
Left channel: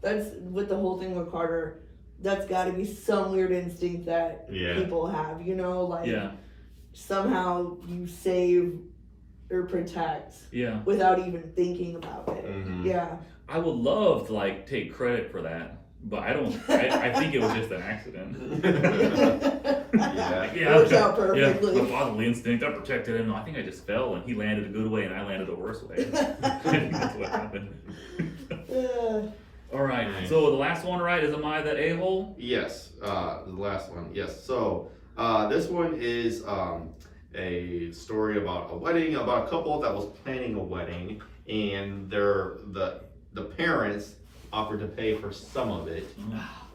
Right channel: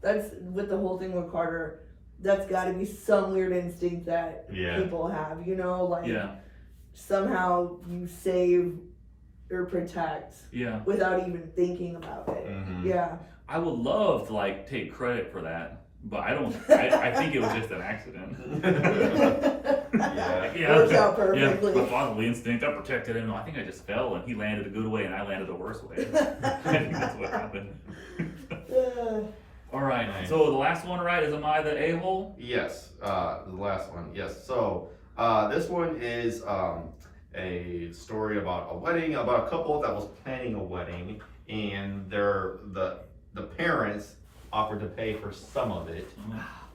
That's with the whole thing with Carter. That's got to be some weird instinct that Yeah. people have, you know, like Yeah. somehow you save or protect Yeah. without even thinking about it. Mhm. Yeah. I would love to like take credit for that, but I don't. I think it was just an accident. Yeah. Worked out Yeah, perfectly. the bodily instinct. I protected him. I think I just fell, and he landed a good way, and I landed the worst way. I think that's what happened. All right. Nice. So the last one, right? Is am I the a-hole? Yes, the last one. Yes. So this one is a story about a wedding, about a couple that was planning a wedding, and the parents offered to pay for some of it.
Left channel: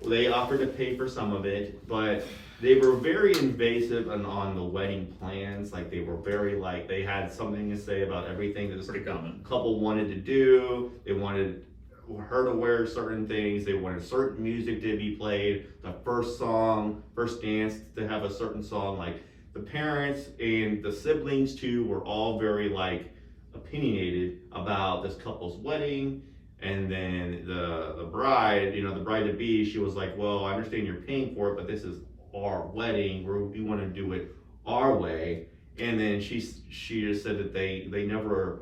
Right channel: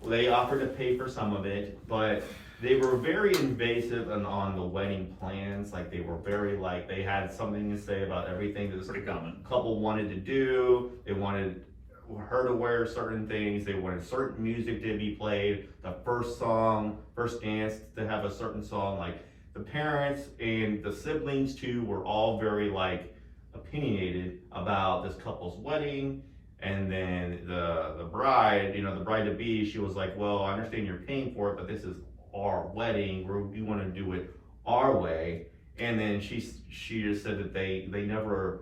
They offered to pay for some of it, but they were very invasive on the wedding plans. Like they were very like they had something to say about everything that this Pretty common. couple wanted to do. They wanted her to wear certain things. They wanted certain music to be played. The first song, first dance to have a certain song. Like the parents and the siblings too were all very like opinionated about this couple's wedding. And then the bride, the bride to be, she was like, well, I understand you're paying for it, but this is our wedding. We want to do it our way. And then she just said that they never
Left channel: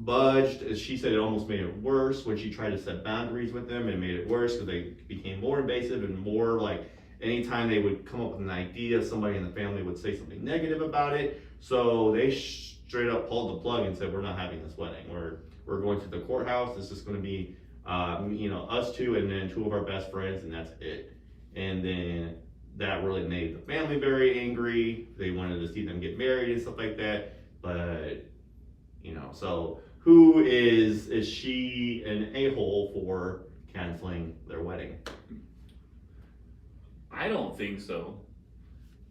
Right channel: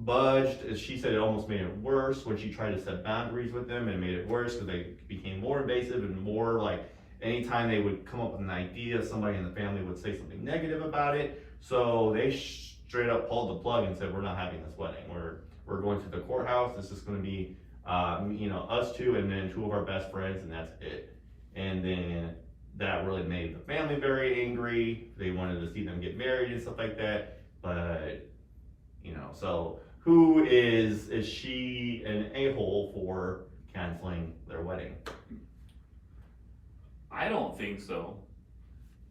budged. As she said, it almost made it worse when she tried to set boundaries with them. It made it worse because they became more invasive and more like anytime they would come up with an idea, somebody in the family would say something negative about it. So they straight up pulled the plug and said, we're not having this wedding. We're going to the courthouse. This is going to be, us two and then two of our best friends, and that's it. And then that really made the family very angry. They wanted to see them get married and stuff like that. But, so who is she an a-hole for canceling their wedding? I don't think so.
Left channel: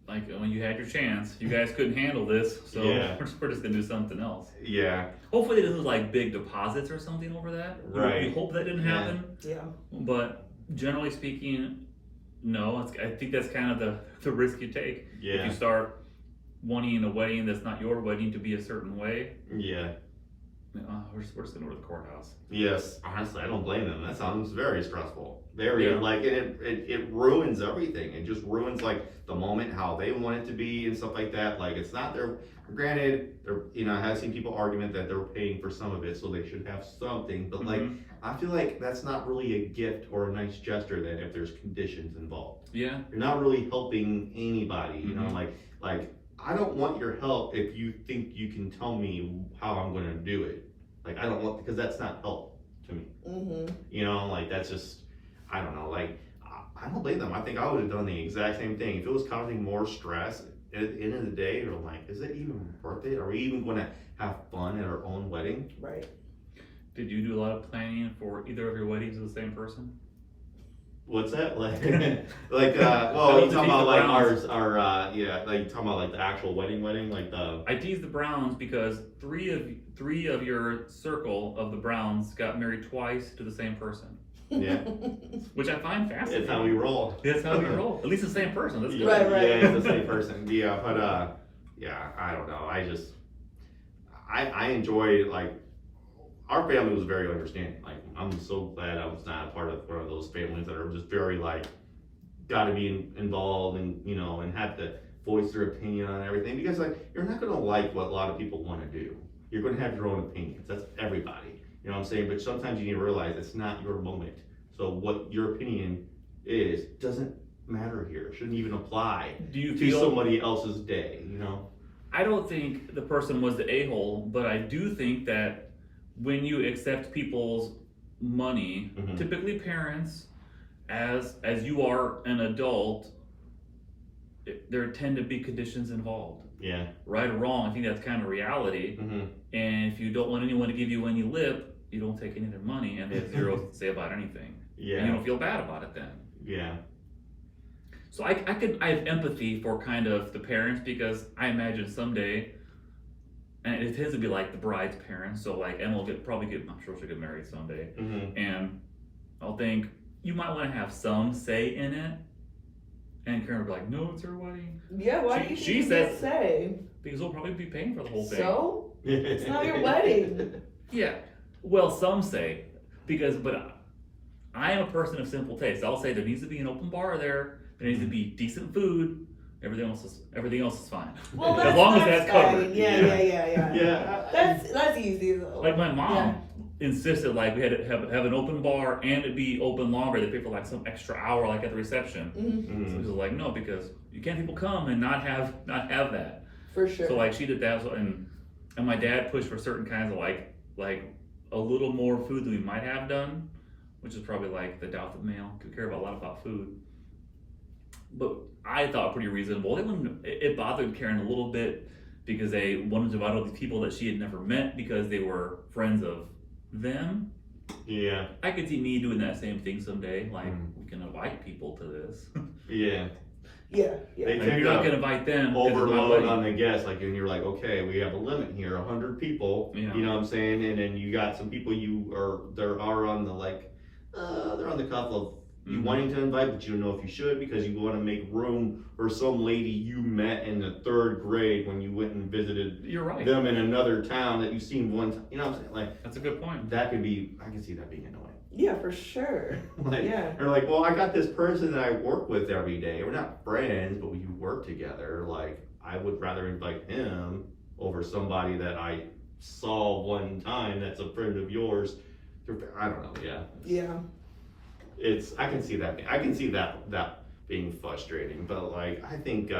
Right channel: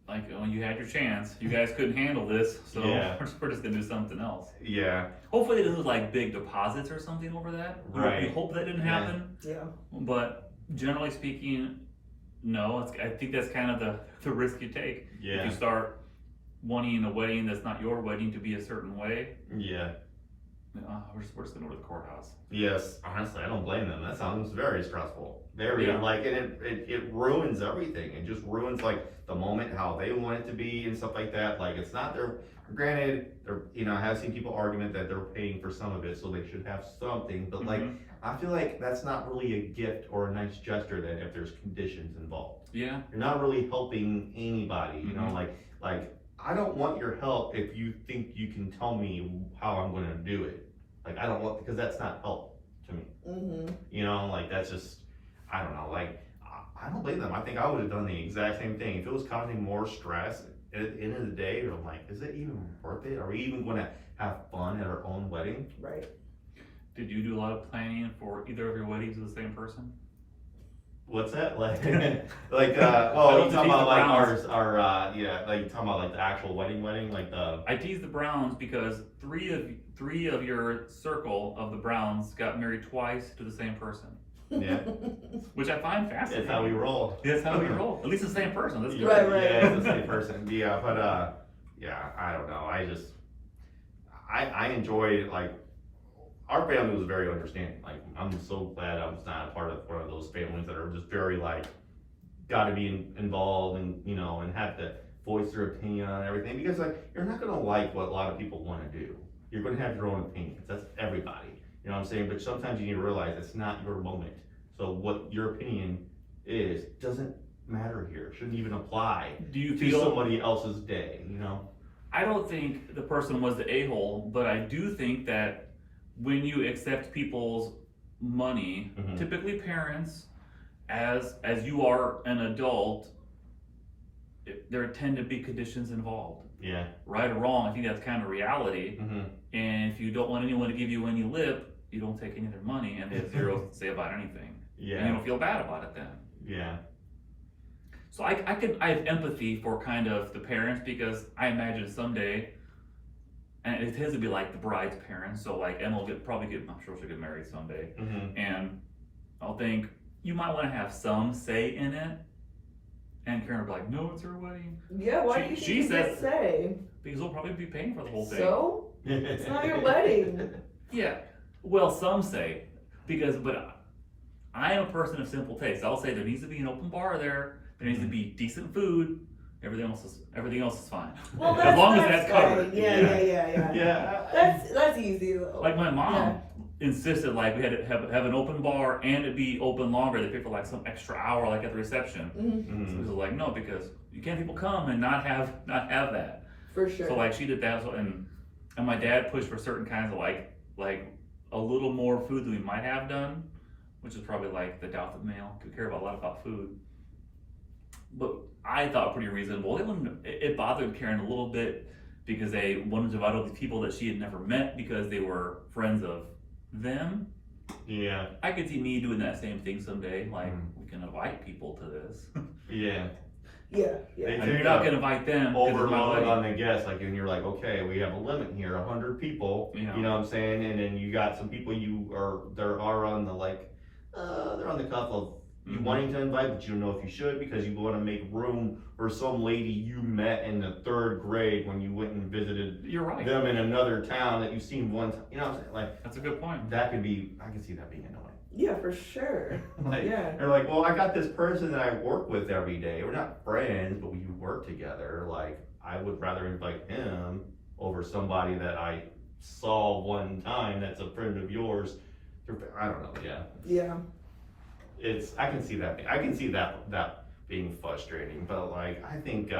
Like, when you had your chance, you guys couldn't handle this, so Yeah. we're just gonna do something else. Yeah. Hopefully they didn't lose like big deposits or something over that. Right. We hope that didn't Yeah. happen. Yeah. But generally speaking, no. I think that's kind of the risk you take. If Yeah. you start wanting a wedding that's not your wedding to be a certain way, Yeah. we're just gonna go to the courthouse. Yes. Honestly, I don't blame them. That sounds very stressful. Very Yeah. like, and it ruins everything. It just ruins like the moment, how they want it to be and stuff like that. Like it's not their. Granted, I have seen people argument that they're paying for some of it, so they should have something. But like, I feel like that's not really a gift or a nice gesture. Then if there's conditions involved, Yeah. you're not really helping anybody. You know, Mhm. like I don't want your help if you think you can tell me how I'm going to do it. Like I don't want, because that's not help to me. Mm-hmm. You know, like that's just, I don't know. Like I don't blame them. I think I would have done the exact same thing if it was causing more stress. At the end of the day, you're like, is it even worth it? Are we even going to have fun at our own wedding? Right. Did you do a lot of planning for either of your weddings with the same person? What's that? Like, well, I you love to talking tease about the like Browns. yeah, like you talking about like the actual wedding, like the. I teased the Browns because three of your circle of the Browns got married twice to the same person, Yeah, which I find fascinating. it's how we roll. That's how we roll. At least the same person. That's good. Right. Yeah, it's the same person. Yeah, but yeah, I don't know. I enjoyed like our family was very understanding. Like I'm so glad I was not a part of one of those families that are just very like got to be involved and and have to voice their opinion on everything, because like you're not gonna like what a lot of people want to do. You're gonna have your own opinions. That's everybody. You know what I'm saying? But sometimes you need to realize it's not your moment. So what your opinion is doesn't matter here. It shouldn't even apply Do you to feel? somebody else's day. I don't think the person was the a-hole, but I do think that when you accept people's money, Mhm. typically parents, as you are an adult, there tend to be conditions involved. Yeah. Right or wrong, I think that's kind of reality. Mm-hmm. And if you don't want anyone to give you any lip, you don't take any of their money, and they have zero to say about anything. And you Yeah. don't feel bad about it then. Yeah. So I have empathy for kind of the parents, because I imagine someday, and it tends to be like the bride's parents. So like Emma will I'm sure she'll get married someday, Mm-hmm. and I'll think you might want to have some say in it. And Karen will be like, "No, it's her wedding," Yeah. Why do you think She you says- get say? because they'll probably be paying for the whole thing. So it's not your wedding. Yeah. Well, some say, but I am a person of simple taste. I'll say there needs to be an open bar there. There needs to be decent food. Everything else is fine. Well, As long as that's covered. fine. Yeah. Yeah. That's easy though. Like my mom Yeah. insisted, like we had to have an open bar and it be open longer. They pay for like some extra hour, like at the reception. Mhm. So Mhm. she was like, no, because you can't people come and not have that. For sure. So like she did that, and my dad pushed for certain kinds of like a little more food than we might have done, which is probably like the doubted male could care a lot about food. But I thought pretty reasonable. It bothered Karen a little bit because they wanted to invite all these people that she had never met because they were friends of them. Yeah. I could see me doing that same thing someday. Like we can invite people to this. Yeah. Yeah. They Like, you're not gonna invite them. 'cause it's my Overload wedding. on the guests, like, and you're like, okay, we have a limit here, 100 people. Yeah. You know what I'm saying? And then you got some people there are on the like, they're on the cuff of you Mhm. wanting to invite, but you don't know if you should because you want to make room for some lady you met in the 3rd grade when you went and visited You're right. them in another town that you've seen one time. You know what I'm saying? Like That's a good point. that could be, I can see that being annoying. Yeah, for sure. Like, Yeah. they're like, well, I got this person that I work with every day. We're not friends, but we work together. Like, I would rather invite him over somebody that I saw one time that's a friend of yours. I don't know. Yeah. Yeah. I can see that. I can see that being frustrating. But like, I think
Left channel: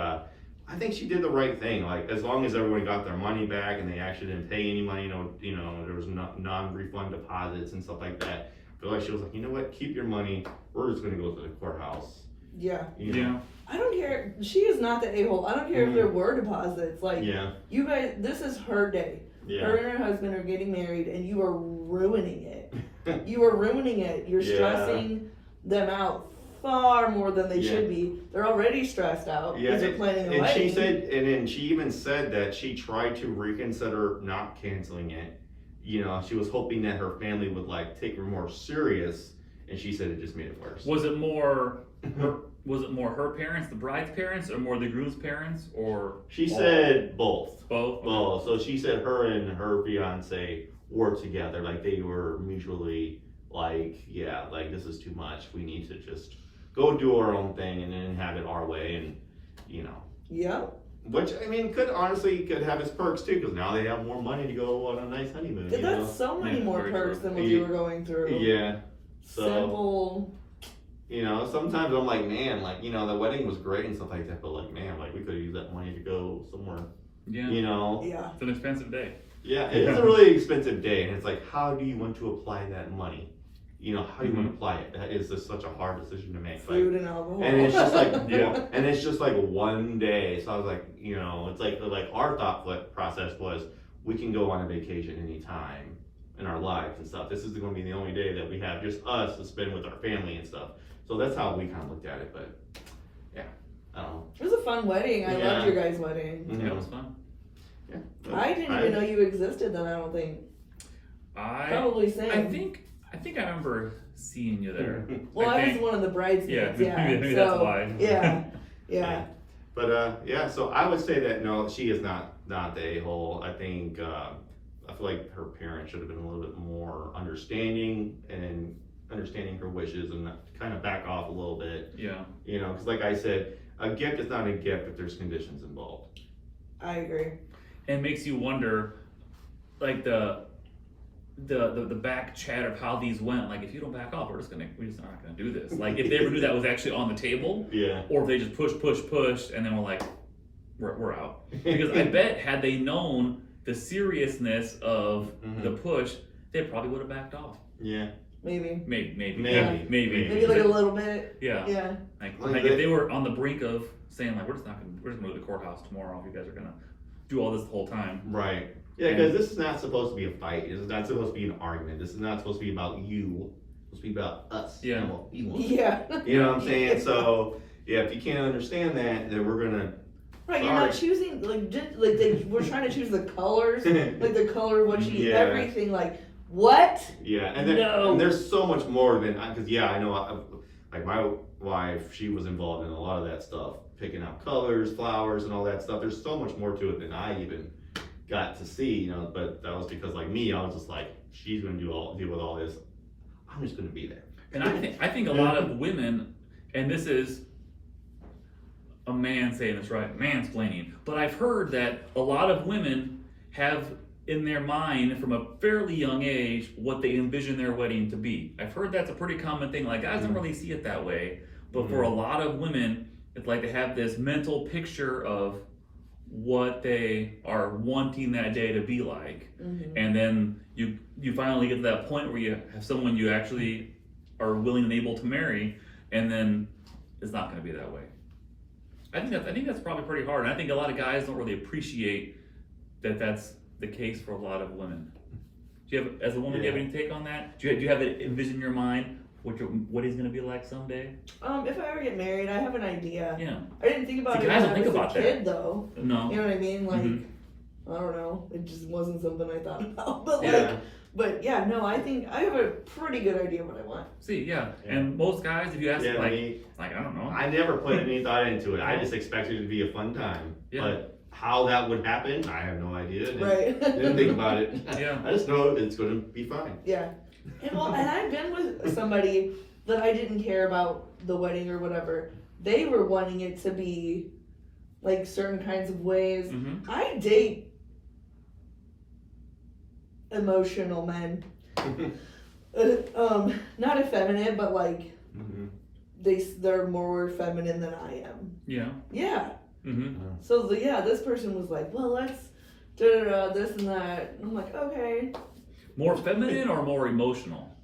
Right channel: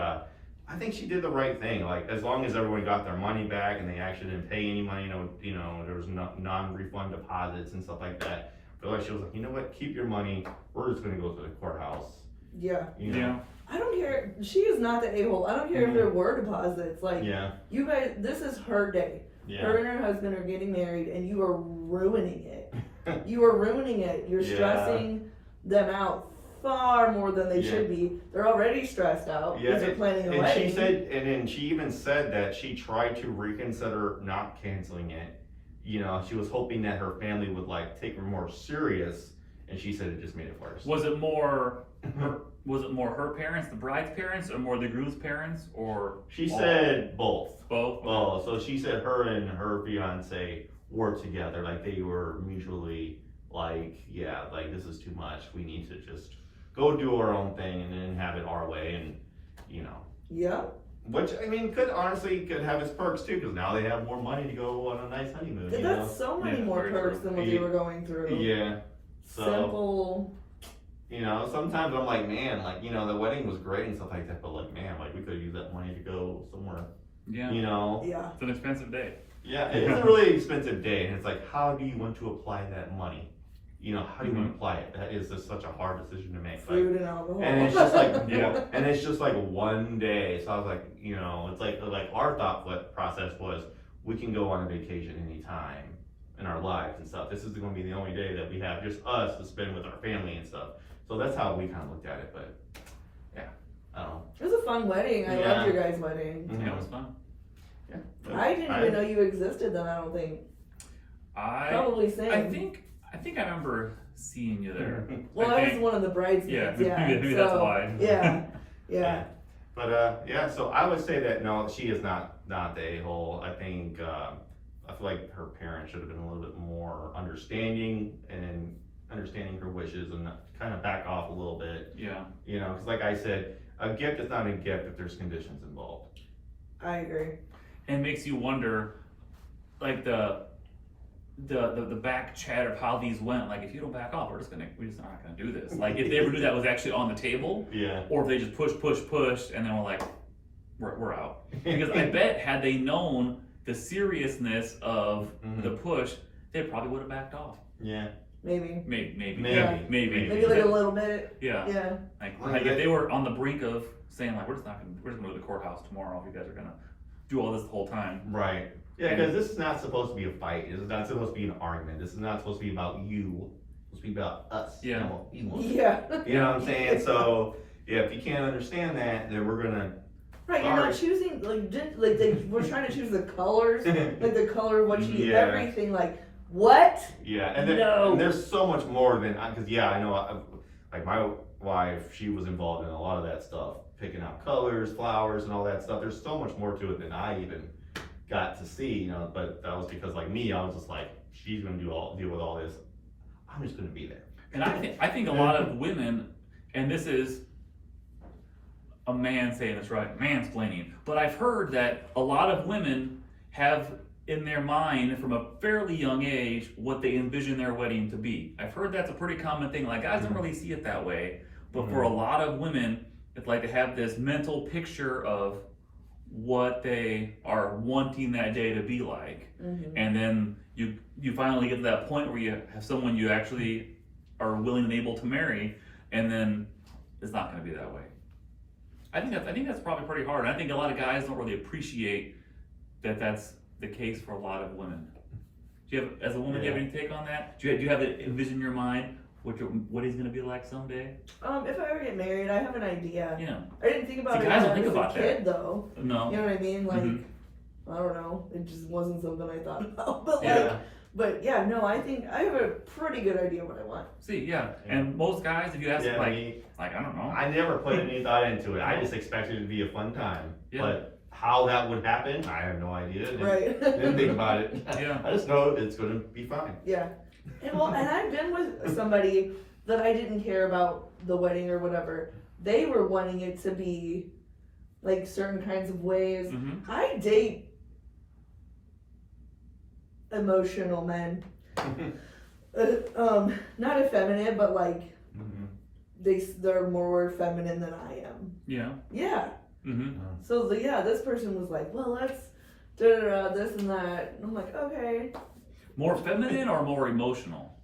she did the right thing. Like, as long as everyone got their money back and they actually didn't pay any money, there was non-refund deposits and stuff like that. But like, she was like, you know what? Keep your money. We're just gonna go to the courthouse. Yeah. You know? Yeah. I don't care. She is not the a-hole. I don't care if there were deposits. Like, Yeah. you guys, this is her day. Yeah. Her and her husband are getting married, and you are ruining it. You are ruining it. You're Yeah. stressing them out far more than they Yeah. should be. They're already stressed out Yeah, because they're planning a and wedding. she said, and then she even said that she tried to reconsider not canceling it. You know, she was hoping that her family would like take her more serious, and she said it just made it worse. Was it more her parents, the bride's parents, or more the groom's parents, or She said both. both? Well, so she said her and her fiance worked together, like they were mutually like, yeah, like this is too much. We need to just go do our own thing and then have it our way, and you know. Yeah. Which, I mean, could have its perks too, because now they have more money to go on a nice honeymoon. You know? That's so many Yeah, more very perks true. than what they were going through. Yeah. So, Simple. you know, sometimes I'm like, man, like, you know, the wedding was great and stuff like that, but like, man, like we could have used that money to go somewhere. Yeah. You know? Yeah. It's an expensive day. Yeah, it is a really expensive day, and it's like, how do you want to apply that money? You know, how do you want to apply it? That is just such a hard decision to make. Food like, and alcohol. and it's just like, Yeah. and it's just like one day. So I was like, you know, it's like our thought process was, we can go on a vacation anytime in our lives and stuff. This is going to be the only day that we have just us to spend with our family and stuff. So that's how we kind of looked at it. But yeah, I don't know. It was a fun wedding. I Yeah. loved your guys' wedding. Mhm. Yeah, it was fun. Yeah. I didn't even know you existed then, I don't think. Probably same. I think I remember seeing you there. Well, I was think. one of the bridesmaids. Yeah. maybe so, that's why. Yeah. Yeah. But yeah, so I would say that no, she is not the a-hole. I think I feel like her parents should have been a little bit more understanding and understanding her wishes and kind of back off a little bit. Yeah. You know, because like I said, a gift is not a gift if there's conditions involved. I agree. And makes you wonder, like the back chat of how these went. Like, if you don't back off, we're just not gonna do this. Like, if they ever knew that was actually on the table, Yeah. or if they just pushed, and then we're like, we're out. Because I bet had they known the seriousness of the push, they probably would have backed off. Yeah. Maybe. Maybe. Maybe like a little bit. Yeah. Yeah. Like if they were on the brink of saying like, we're just gonna go to the courthouse tomorrow if you guys are gonna do all this the whole time. Right. Yeah, because this is not supposed to be a fight. This is not supposed to be an argument. This is not supposed to be about you. It's supposed to be about us. Yeah. And what we want. Yeah. You know what I'm saying? So yeah, if you can't understand that, then we're gonna. Right, you're not choosing we're trying to choose the colors, like the color of what you eat, Yeah. everything. Like what? Yeah, and, No. and there's so much more than because yeah, I know. Like my wife, she was involved in a lot of that stuff, picking out colors, flowers, and all that stuff. There's so much more to it than I even got to see, you know. But that was because like me, I was just like, she's gonna deal with all this. I'm just gonna be there. And I think a lot of women, and this is a man saying this, right? Mansplaining. But I've heard that a lot of women have in their mind from a fairly young age what they envision their wedding to be. I've heard that's a pretty common thing. Like, guys don't really see it that way, but for a lot of women, it's like they have this mental picture of what they are wanting that day to be like. And then you finally get to that point where you have someone you actually are willing and able to marry, and then it's not going to be that way. I think that's probably pretty hard. And I think a lot of guys don't really appreciate that that's the case for a lot of women. Do you have, as a woman, do you have any take on that? Do you have it envision in your mind what he's going to be like someday? If I ever get married, I have an idea. Yeah. I didn't think about See, it guys when don't I think was about a that. kid, though. No. You know what I mean? Like, Mm-hmm. I don't know. It just wasn't something I thought about. But Yeah. but yeah, no, I think I have a pretty good idea what I want. See, yeah. And most guys, if you ask Yeah, like me, I don't know. I never put any thought into it. I just expected it to be a fun time. Yeah. But how that would happen, I have no idea. Right. Didn't think about it. Yeah. I just know it's gonna be fine. Yeah. And I've been with somebody that I didn't care about the wedding or whatever. They were wanting it to be like certain kinds of ways. Mm-hmm. I date emotional men. Not effeminate, but like they're more feminine than I am. Yeah. Yeah. Mm-hmm. So this person was like, well, let's this and that. And I'm like, okay. More feminine or more emotional,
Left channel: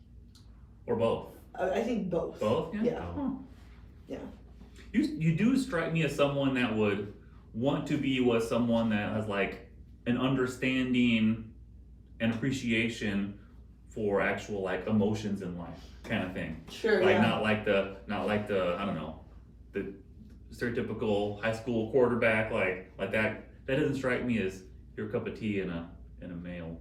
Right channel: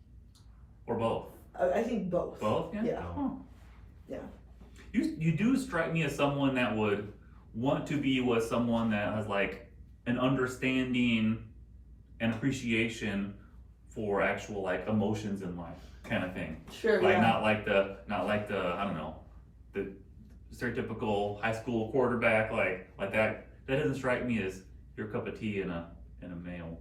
or both? I think both. Both. Yeah. Yeah. Oh. Yeah. You do strike me as someone that would want to be with someone that has like an understanding and appreciation for actual like emotions in life, kind of thing. Sure. Like yeah. not like the I don't know, the stereotypical high school quarterback like that. That doesn't strike me as your cup of tea in a male.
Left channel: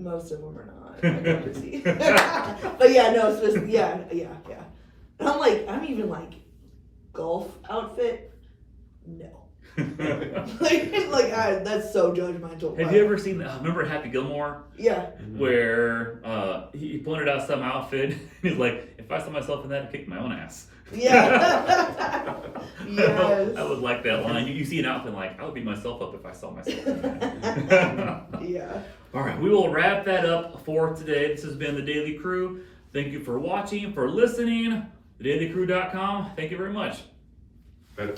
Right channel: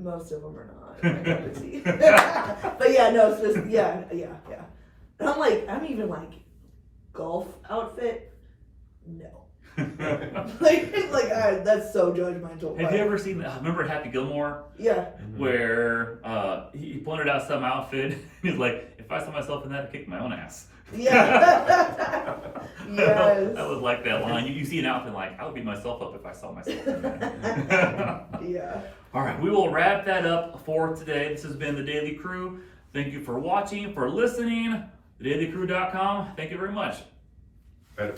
Most of them are not. My cup of tea. But yeah, no, it's just yeah. And I'm even like golf outfit. No. That's so judgmental. Have you ever seen? Remember Happy Gilmore, Yeah. where he pointed out some outfit. And he's like, "If I saw myself in that, I'd kick my own ass." Yeah. Yes. I would like that line. You see an outfit like, I would beat myself up if I saw myself in that. Yeah. All right, we will wrap that up for today. This has been the Daily Crew. Thank you for watching, for listening. TheDailyCrew.com. Thank you very much. Better.